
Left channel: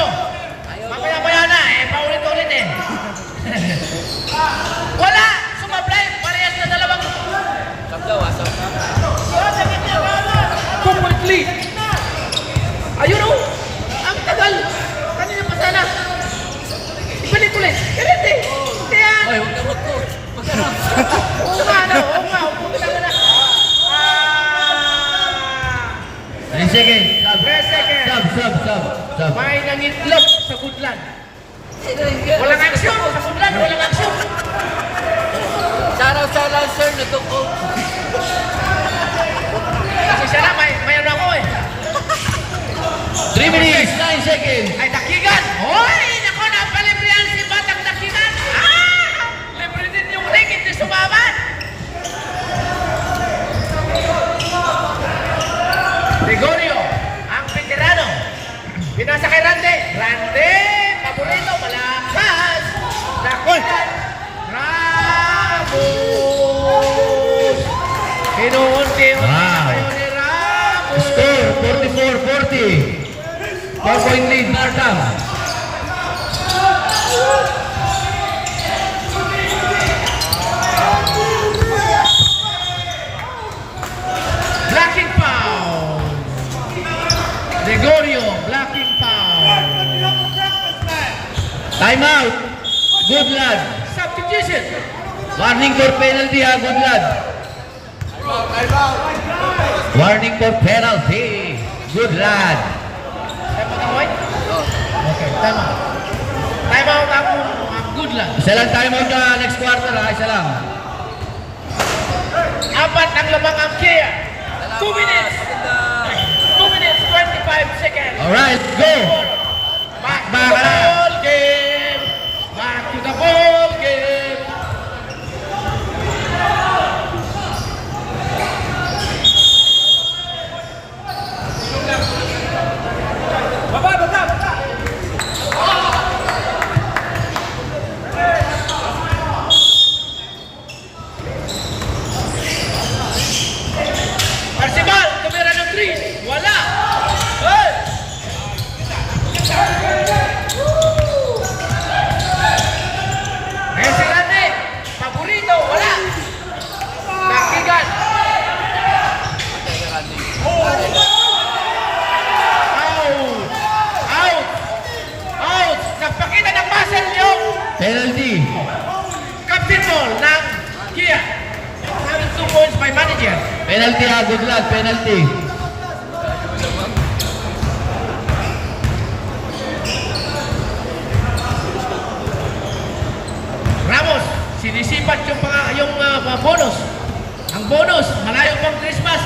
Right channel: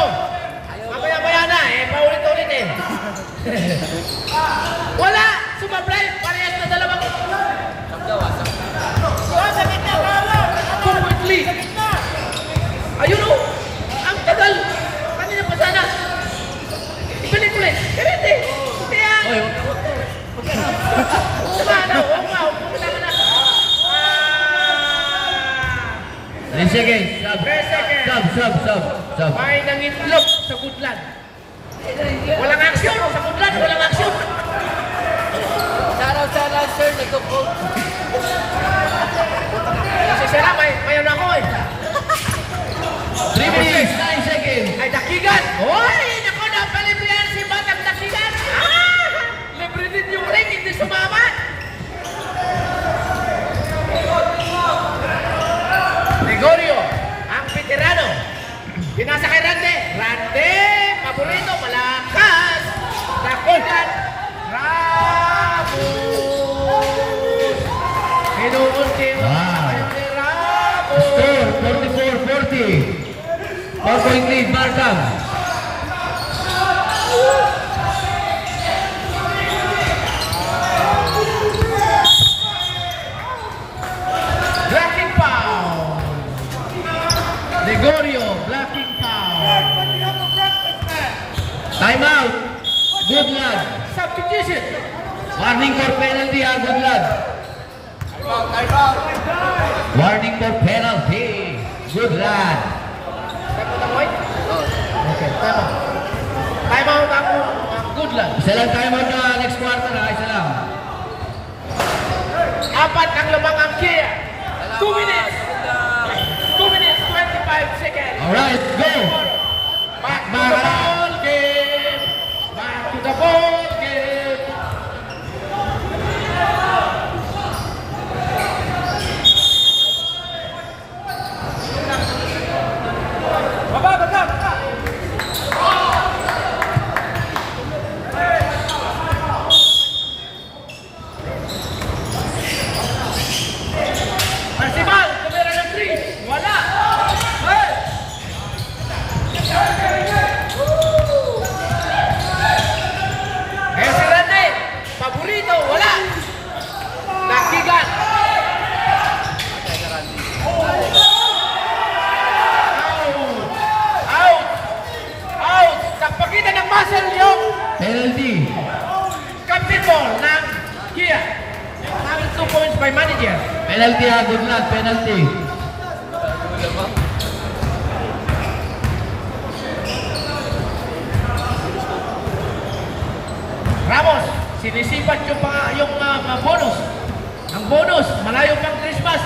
Mamaya na. Paulit-ulit eh. Wala. Sumablay. Parehas na dalawang. Sabdaw, asap. Completely. Ayun o. Ang tagal. Kanina pa sana. Ibalik ulit. Ganit eh. Kaya. Oo nga. 3 seconds. 3 seconds. Sub. May nangitlog sa Goodland. Walang aksyon sa Goodland. Walang aksyon. Shoutout sa Lancer, nagko-coach. Kasi siya na. Mayroon ako eh. 3 minutes, 9 seconds. Ay, dakigan! Hoy! Nako, napalibrihan si Batang Dakigan! Libre din yung Ramos! Kinuunti-unti Wow. kayo ni Ramos! Score 44-40. 4-point lead Markham. Blocking foul! Gregorio, blocking foul! Timeout. Good lad. Substitution! Warning for penalty ha, good lad. Warning for penalty. Good lad. Okay, time out. Time out ang good lang. Isa lang timeout nyo ha, next quarter ha, isa lang. Apat ang labang ang Kia. 2 minutes. 2 minutes, 25 seconds. Alright, go. Back to Back the na. ball game. Back to the ball game. Baba. Arcibal, kamera ng 3. Wala. Hey! Escalante, paborito, wala. Nakigan. Out. Nagpakita ng muscle yung Penalty. captain ball ng Kia. Having 2 points by manager. Penalty ha, good lad, penalty. Ramos, sinisipat yung bonus. Ang bonus, malayo pang Christmas.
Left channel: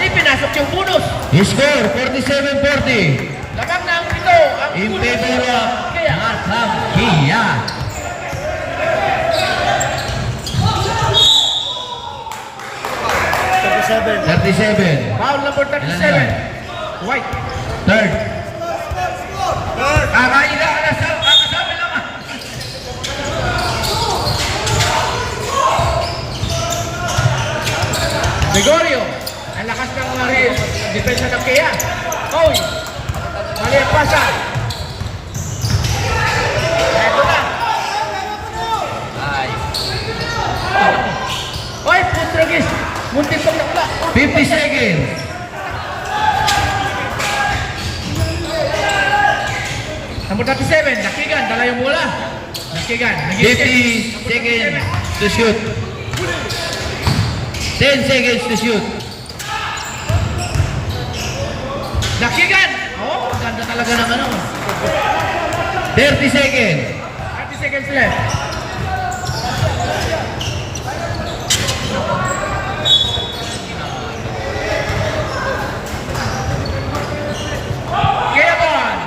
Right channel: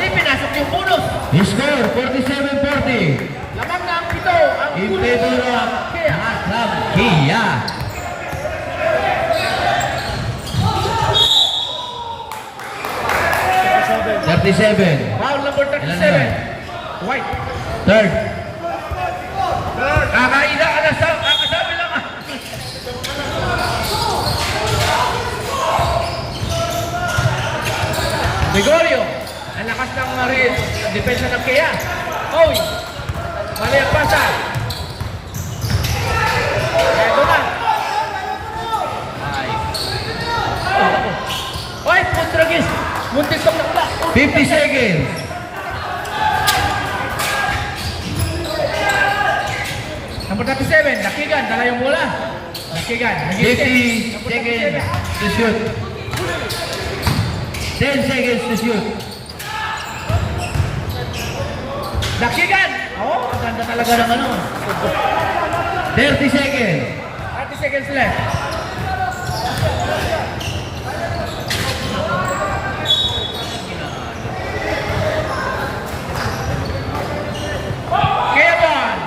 Ipinasok yung bonus. Score 47-40. Lamang na ang ito. Ang In bonus favor ng of Kia. Markham Kia. Seven. 37. Foul number 37. Ilan yan? White. Third. Kakaila ka na kakasabi lang ah. Gregorio, ang lakas ng depensa ng Kia. Oy, mali ang pasa. Ito na. Oy, Putragis, muntik kong naula. 50 seconds. Number 37, Dakigan, dala yung bola. Dakigan, 50 seconds to shoot. 10 seconds to shoot. Dakigan! Oh, ganda talaga ng ano. 30 seconds. 30 seconds left. Kevin!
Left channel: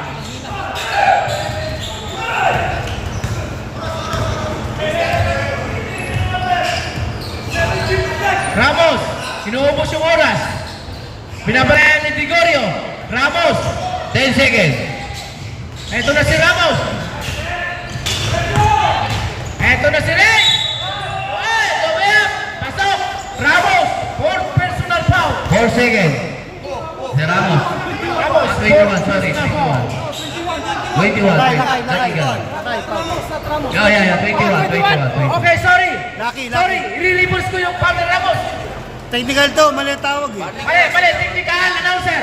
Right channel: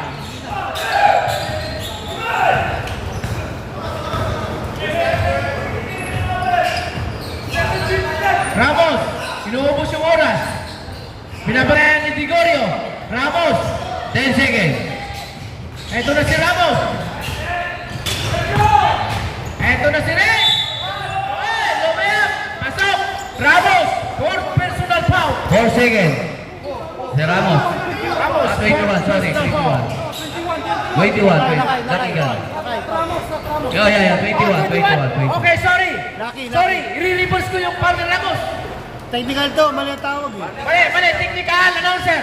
Ramos, inuubos yung oras. Binabalaan ni Gregorio. Ramos, 10 seconds. eto na si Ramos. Eto na si Ren. Oy, lumiyap. Pasok. Ramos, fourth personal foul. 4 seconds. Si Ramos. Ramos, 21, sorry. 21. 21. Dakigan. Oh, yeah. 21. Okay, sorry. Lucky. Sorry, i-reverse ko yung partner Ramos. Technical to, mali ang tawag eh. Mali, technical announcer.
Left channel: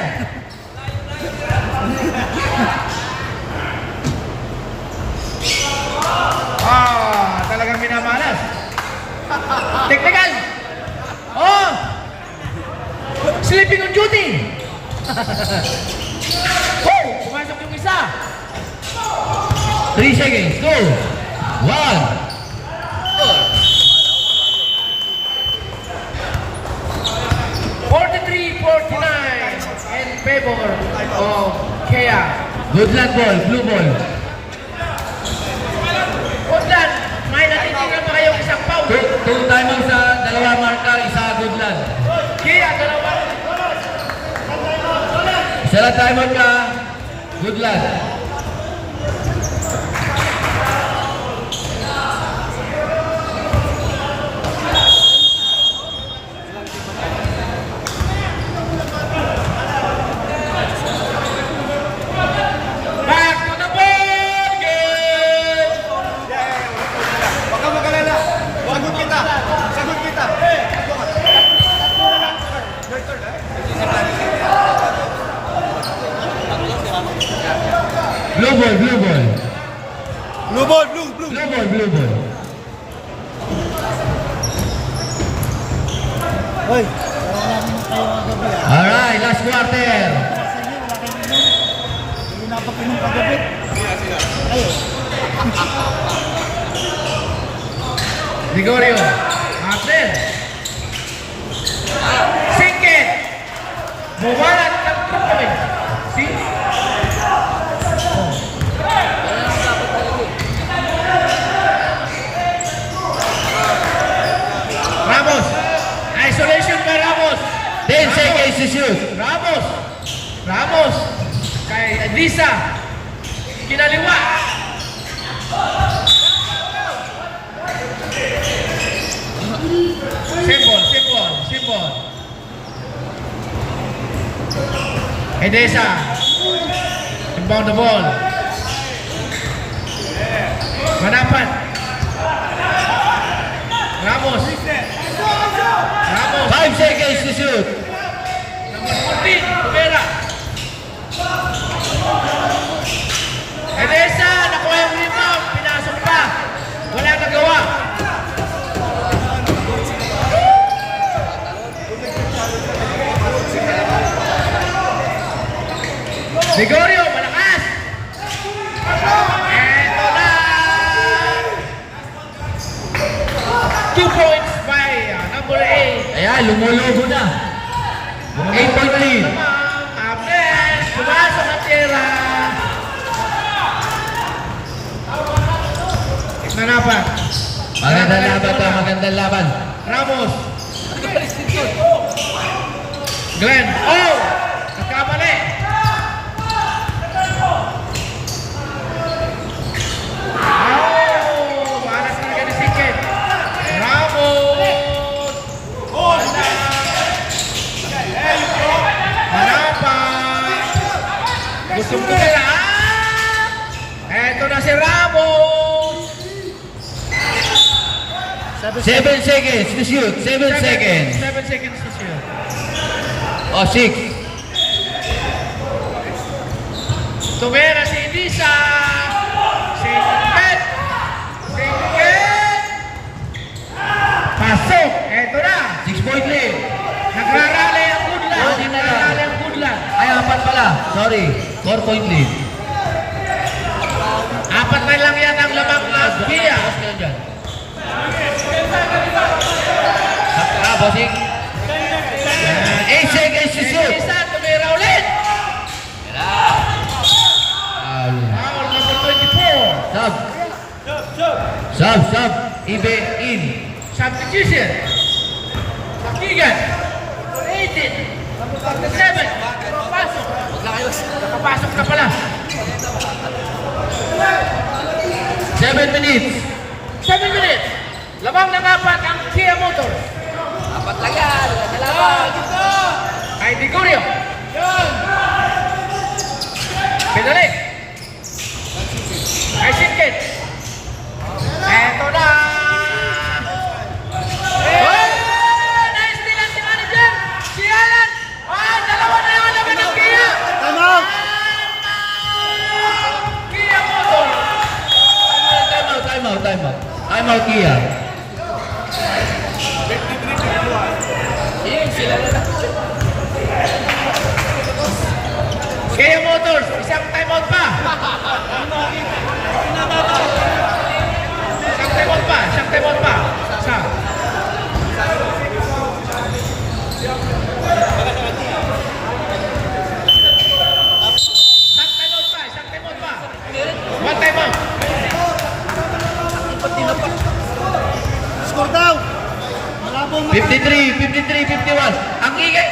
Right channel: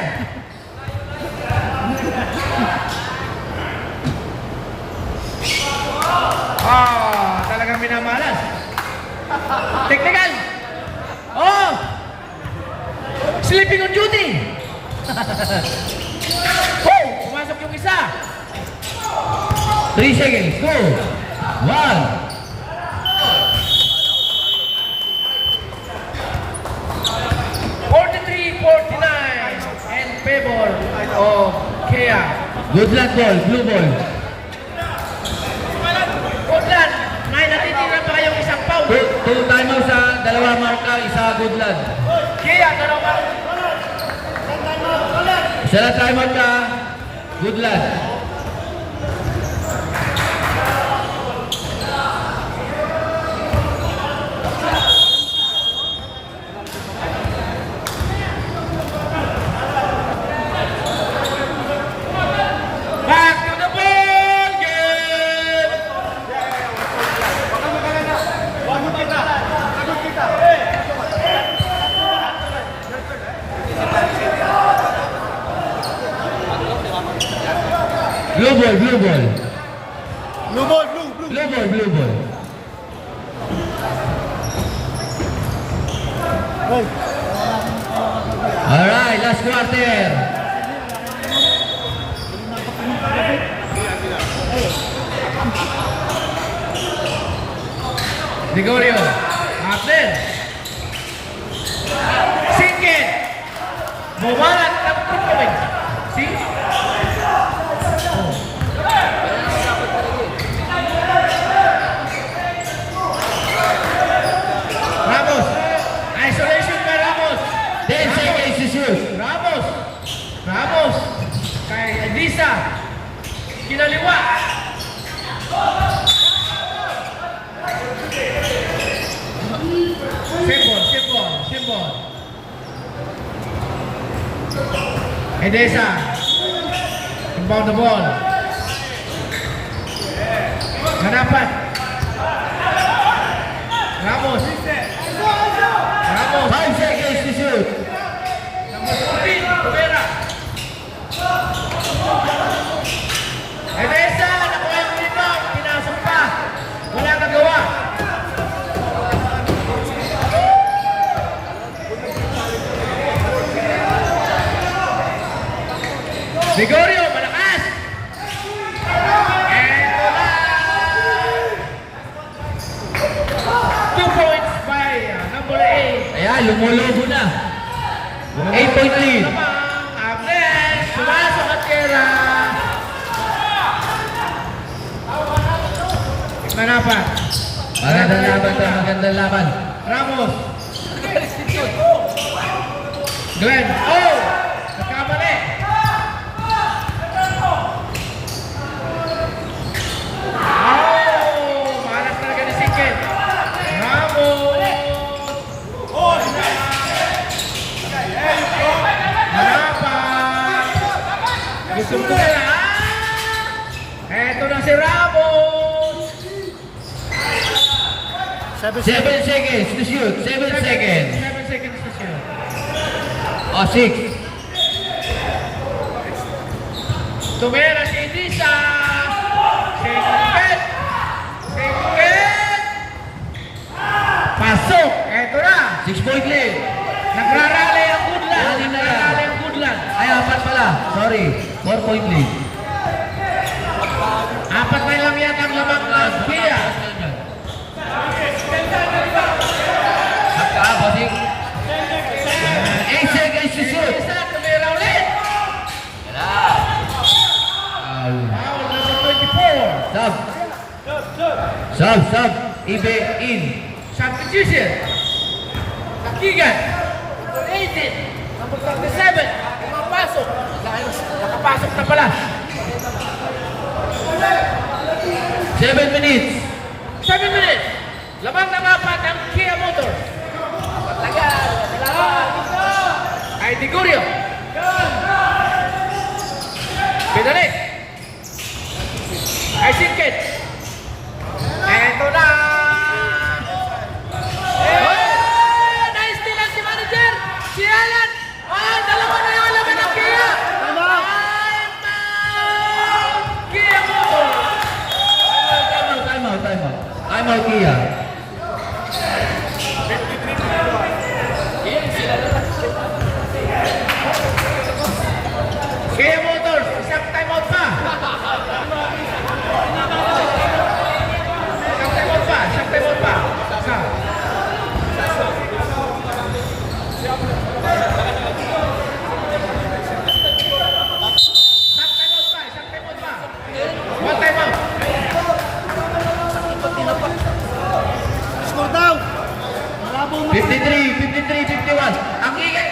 Talagang minamalas. Technical. Oh! Sleeping on duty. Oh! Pumasok yung isa. 3 seconds. 2. 1. In favor of Kia. Good luck ball. Blue ball. Woodland, may natitira pa kayong isang foul. 2 timeouts sa dalawa marka. Isa good luck. Kia, dalawang. Isa lang timeout ka. Good luck. Hoy! Alright, last quarter. Hindi na ako pinagpagabi. Gregorio. Abner. Singkit. Bumalat ng trukumin. See? Wala nang dapat talaga eh. Ramos. Isolation by Ramos. 10 seconds to shoot. Ramos. Ramos. Kay Edisa. Kinaliwa. Simbol. Edesa. Inbound the ball. Manapan. Ramos. 5 seconds to shoot. Number 14, Rivera. Edesa, nakuha yung rebound. Pinasok pa. Wala nagawa. Gregorio, malakas. Eto na. 2 points by number 8. Ayan, lumulubo na. 8-point lead. Abner, sumasok ang tira. Tignan nga pa. Magandang laban to, magandang laban. Ramos. Nagalis din yun. Glenn. Oh! Nagkamali. Oh! Malas talaga ni Siket. Ramos. Harapan. Gusto ko na. Eto na si Ramos. 7 seconds to shoot. 7 seconds. 7 seconds to shoot. O, 6. Tumera si Lisa. Singket. Pasok. Eto na. 6-point lead. Nagrarally ang Goodland. Rally na. Nagrarally ang Goodland. Ay, 4 pala. Sorry. 4-point lead. 4 na lang yan ang lamang na Pia. Saka, bossing. 8 seconds to shoot. Lisa, tumira ulit. Foul. Foul number 24. Sub. Ibe, in. Substitution. Takigan. 18. Number 37. Nakapasok. Nakapasok na pala. 7 minutes. 7 minutes. Labang ng 4 ang Kia Motor. Dapat lang yan. Kailangan. Ay Gregorio. Pinalik. Ay Siket. Eto na. Oh! Naistil ang si manager. Si Alan. Ay, dalawa na naman naman ang Kia. Ano? Kia Motor. Time out, Kia. Sila na. Kia Motors. Isang timeout pa. Isang timeout pa. Isa. Isang timeout pa. One timeout. Pati na pa. Score daw! Malabo ang 53, 51. Ang ingay.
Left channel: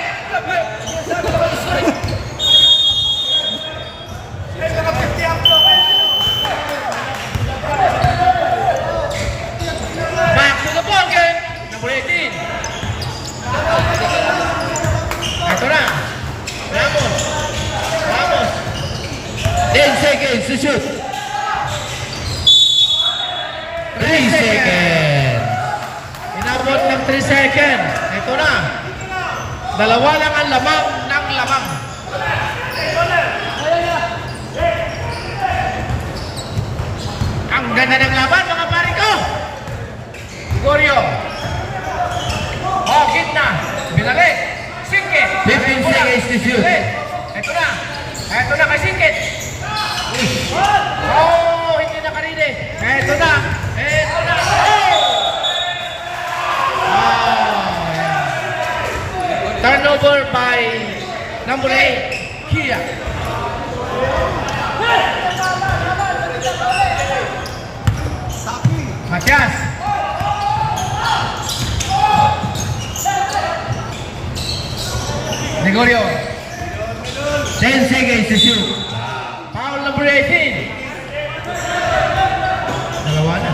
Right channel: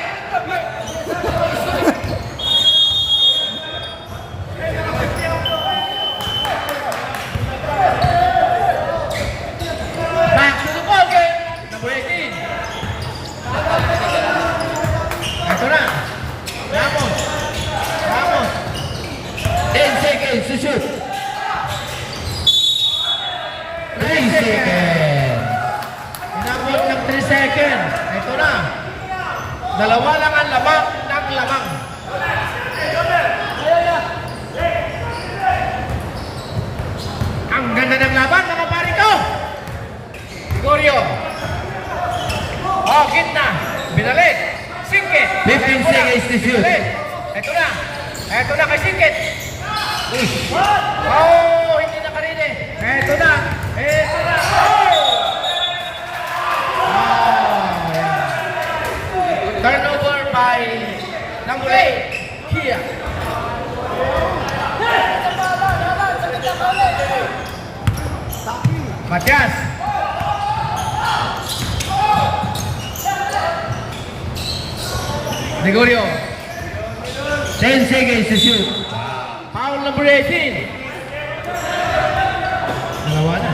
Back to the ball game. Number 18. Ito na. Ramos. 10 seconds to shoot. 3 seconds. Inabot ng 3 seconds. Ito na. Dalawa lang ang lamang ng lamang. Ang ganda ng laban, mga pare ko. Gregorio. Oh, gitna. Pinalik. Singkit. 15 seconds to shoot. Ito na. Ito na kay Singkit. Oh, hindi na kanina. Ito na. Ito na. Turnover by number 8, Kia. Matias. Gregorio. 10 seconds to shoot. Foul number 18. Dalawa na.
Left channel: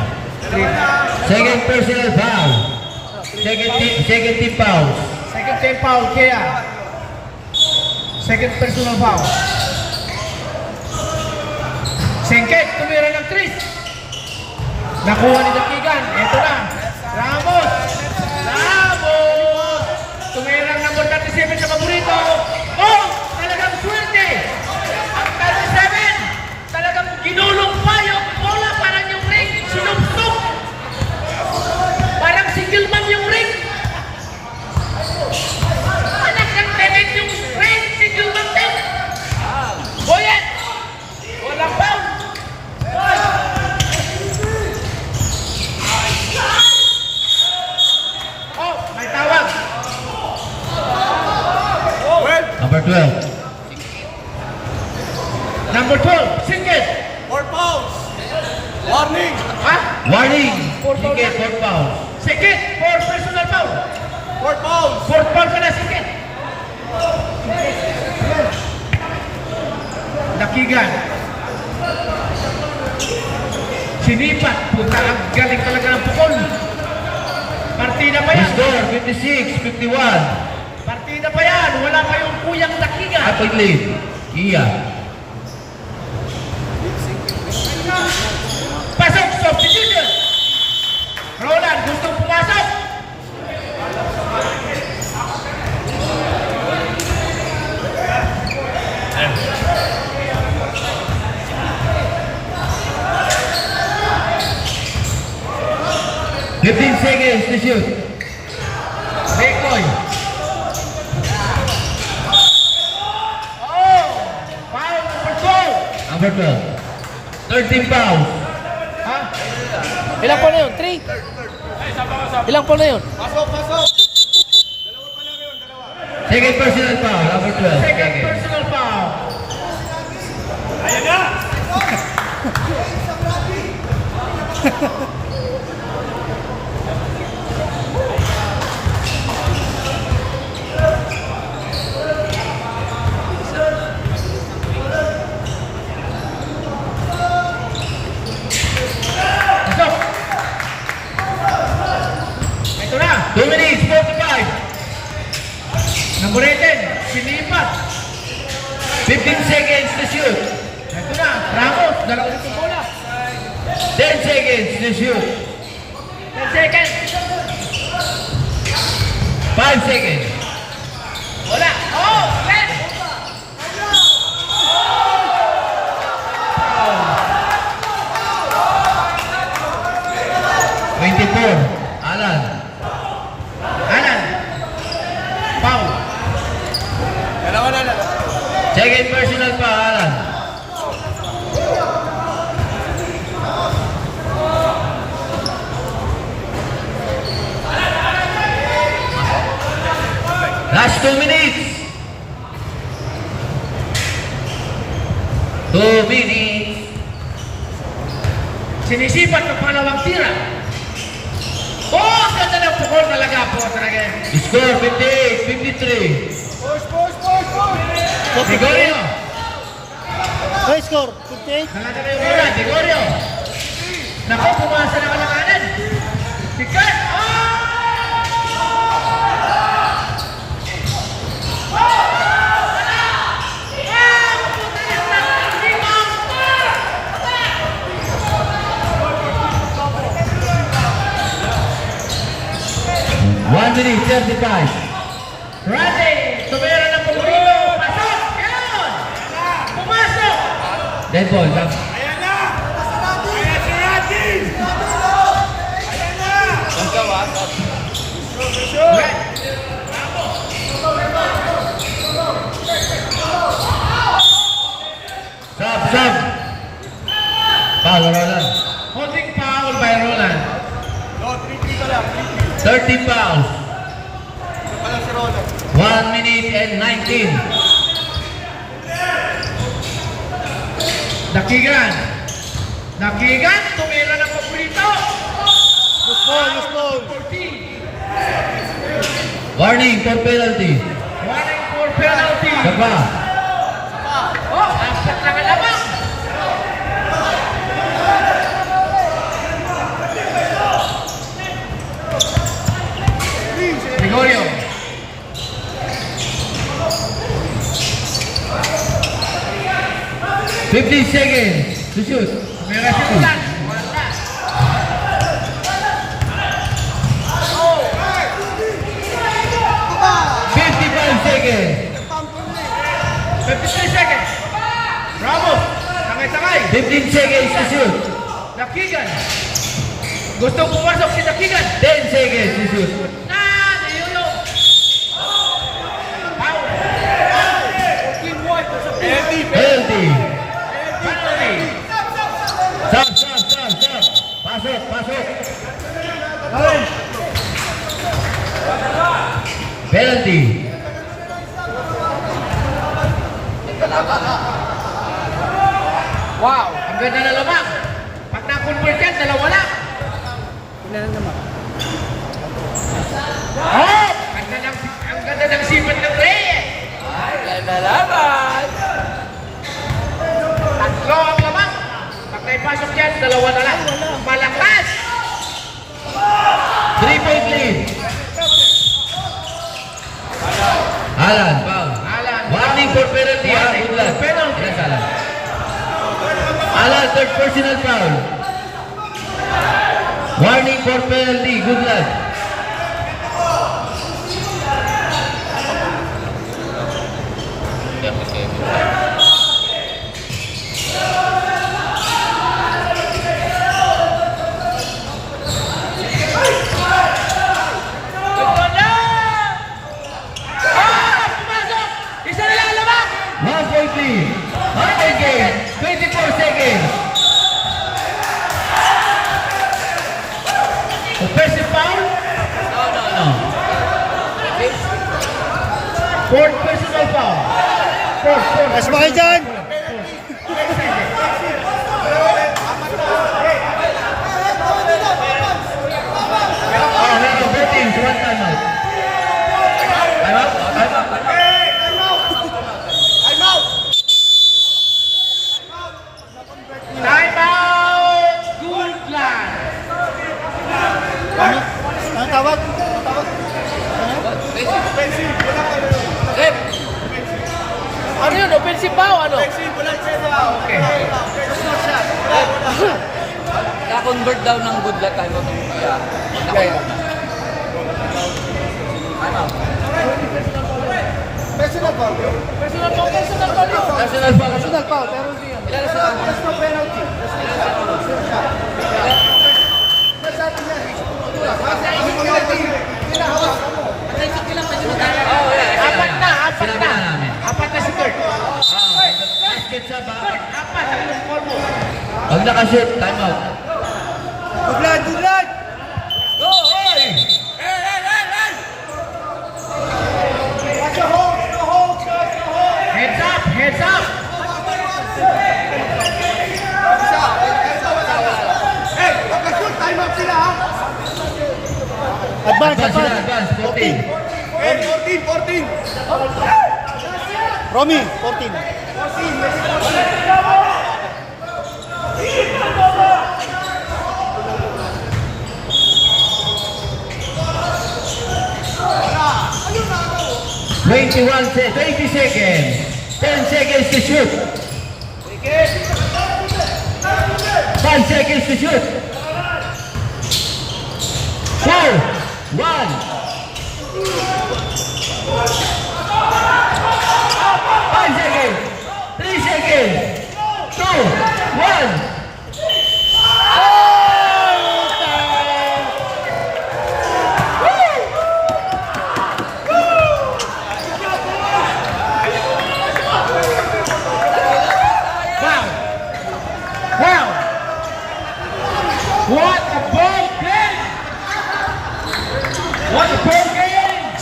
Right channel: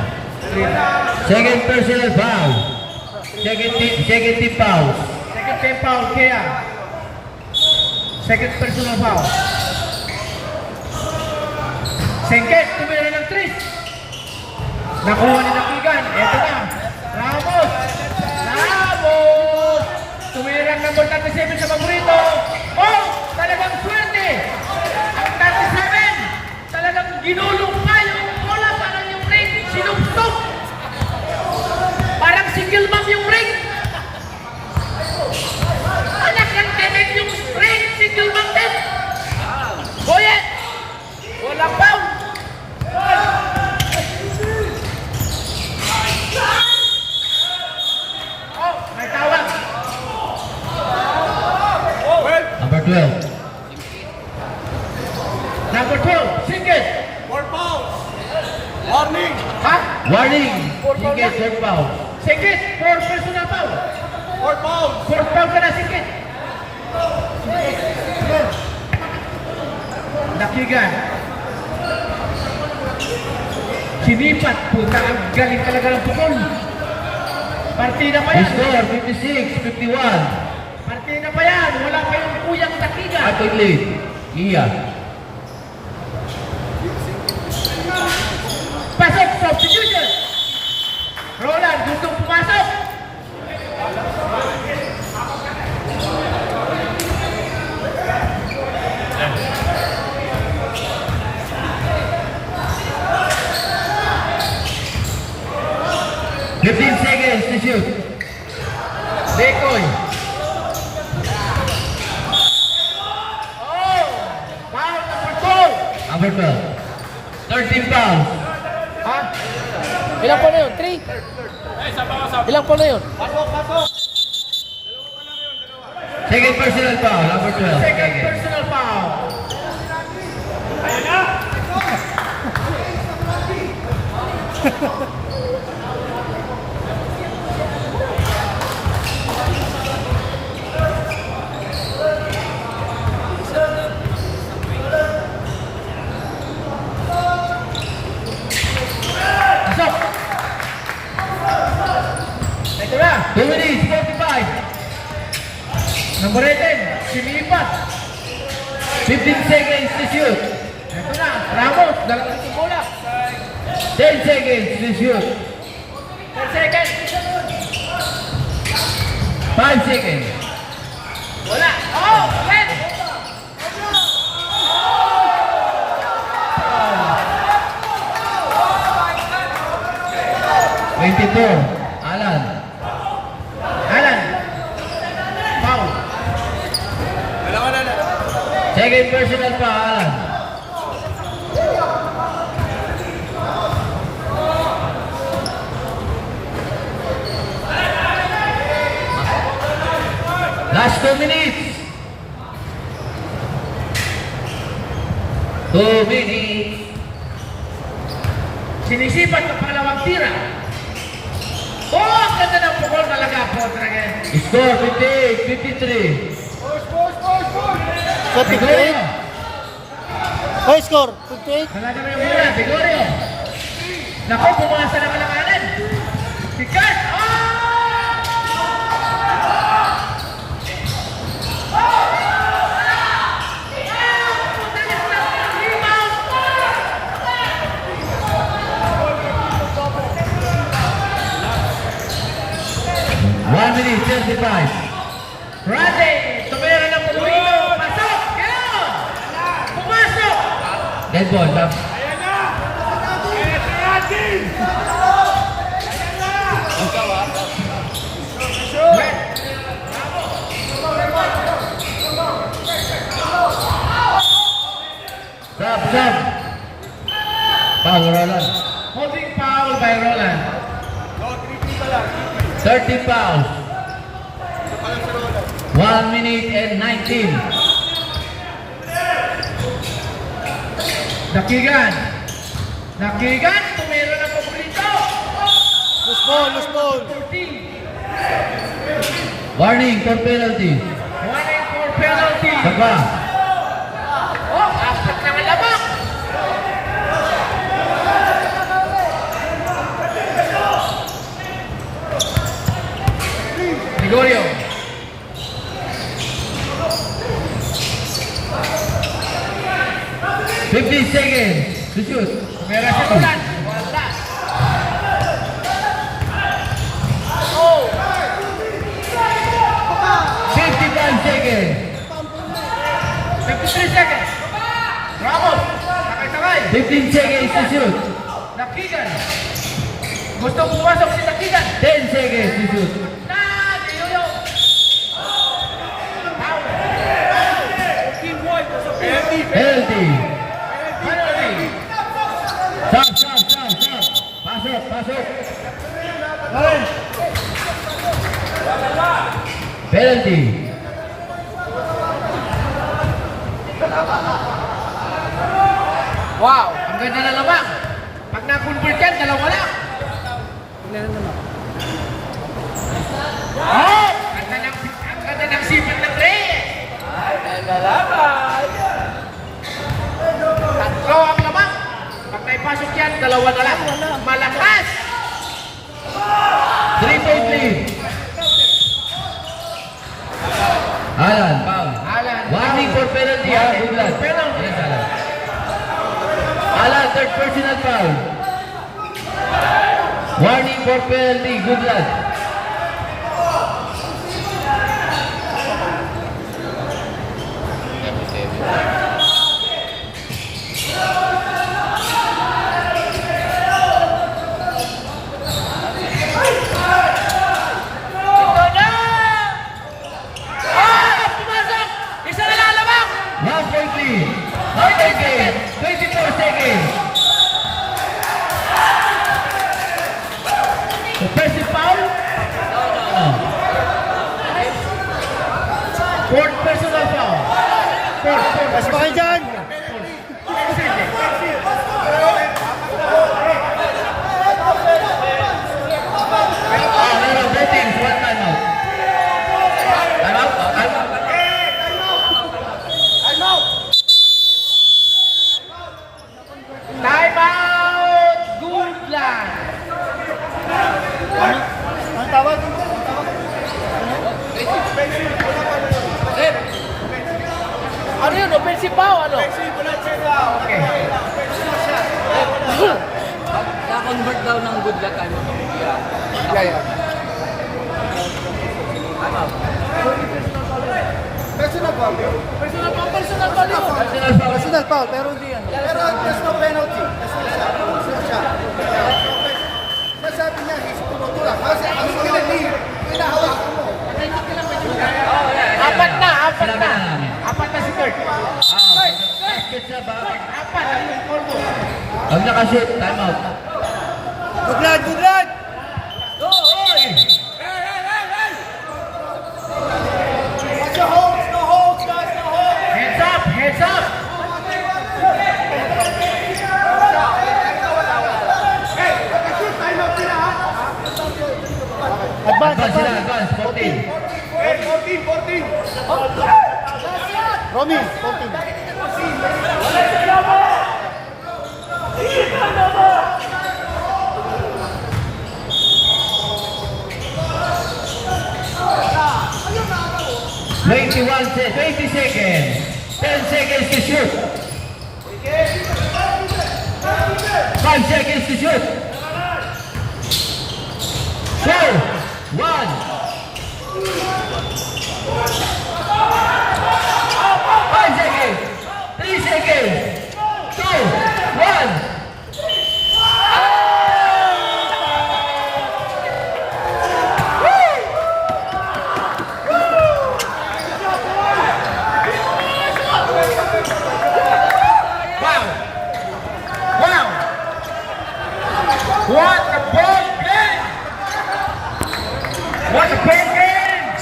Second personal foul. Second team foul. Second team foul, Kia. Second personal foul. Sengket, tumira ng 3. Nakuha ni Dakigan. Ito na. Ramos. Ramos. Tumira ng number 37 sa paborito. Oh, talagang swerte. 37. Talagang ginulong pa yung bola. Parang yung ring. Sinubsok. Parang single man yung ring. Talagang tenet yung ring. Single man din. Boyet. Walang foul. Oh, may tawag. Number 12. Number 12, Singkit. 4 fouls. Warning. Ha? Warning. Singkit, 4 foul. Singkit, 4 personal foul. 4 fouls. 4 foul ka na, Singkit. Dakigan. Sinipat. Puta, ang galing talaga ng pukol. Partida pa yan. Score 56-51. Partida pa yan. Wala pa yung kuyang Dakigan. Athlete lead. Iya. Pasok, substitution. Roland, gustong pumasok. Fifteen seconds to shoot. Decoy. Oh! Foul number 2. Number 12. 13 fouls. Ha? Ilang po na yun? 3? Ilang po na yun? Pasok, pasok. Second personal foul. Number 12. Second personal foul. Pasok! Ito na! 2 minutes, 45. Number 18, sinipat. 15 seconds to shoot. Ito na, Ramos, dalawa na itong bola. 10 seconds to shoot. 10 seconds. 5 seconds. Wala. Oh, ulit. Alan. Alan. Foul. Second personal foul, Alan. Last 2 minutes. 2 minutes. Sinisipat ng pangalawang tira. Oh, ang ganda ng pukol talaga po. Score 58-53. Push, push, push, push. Gregorio. High score, 58. Talaga na yung bola. Gregorio. Naku, pumasa na kalanganan. Sikat. One minute, 35. Rade, tumira ng paborito. Pasok! Ganon! Pumasok! Dead ball. Foul, Roland. Holding foul by Roland. 30 fouls. 1 minute and 19. Dakigan. Dakigan, tumira ng paborito. Loose ball, loose ball. 14. Warning for penalty. Warning for penalty. Saka. Oh, apat na lamang. Gregorio. $15 seconds to shoot. Tumira si Roland. Wala. 55 seconds. 53 seconds. Ramos. Sakay-sakay. 15 seconds to shoot. Dakigan. Gusto pumasok si Dakigan. 10 seconds to shoot. Niyuyo. Foul. 14 white. Penalty. Penalty. Stop. Pasok, pasok. Penalty. Wow, ang ganda na lamang. Pag na-convert yan, dalawa lang. Oh! Ang ganda ng sipat ng Reyes. Ganda laban. Tatlo ang lamang. Pag naipasok yan, dalawa na lang. Malakas. 3 point lead. Alan, foul. Alan. Warning for penalty. Warning Good luck. for penalty. Yes, Alan. Alan, third personal foul. Warning for penalty. Good luck. Ito na! Ah! Pumasok! Isa na lang lamang! 1 point lead. 1 point game. 24 seconds. Offensive foul? No. Fourth personal foul. Mas ba kayo dyan? Meron 4 teams. 1 timeout. Timeout? Time out! Goodland! Ang tawag? Ano yun? Offensive foul, ano? Okay. Na-convert daw ng good luck time out. Time out. Personal foul. Personal foul yun. Personal foul. Personal foul, pero hindi yan. There's no penalty. Nasabi niya, kasi ang penalty, pinahawak. Apat na, apat Sinabi na. na namin. Apat na si Kurt. Basket sa back. Apat. Ang korno. Pag nakashoot, timeout. Buglan, buglan! Heads up, heads up. Advance, Advance sila, advance. advance. 14. 14. Romy, 14. Twenty-one seconds, 20 seconds. 10 seconds to shoot. 5 seconds to shoot. 4, 1. 5 seconds. 3 seconds. 2, 1. Wow. Wow. What a ball game! What a ball game!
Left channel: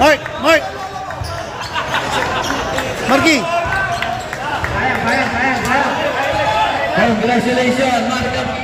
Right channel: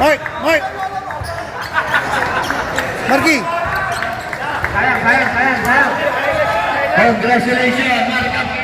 Mark! Marky! Kaya. Congratulations, Mark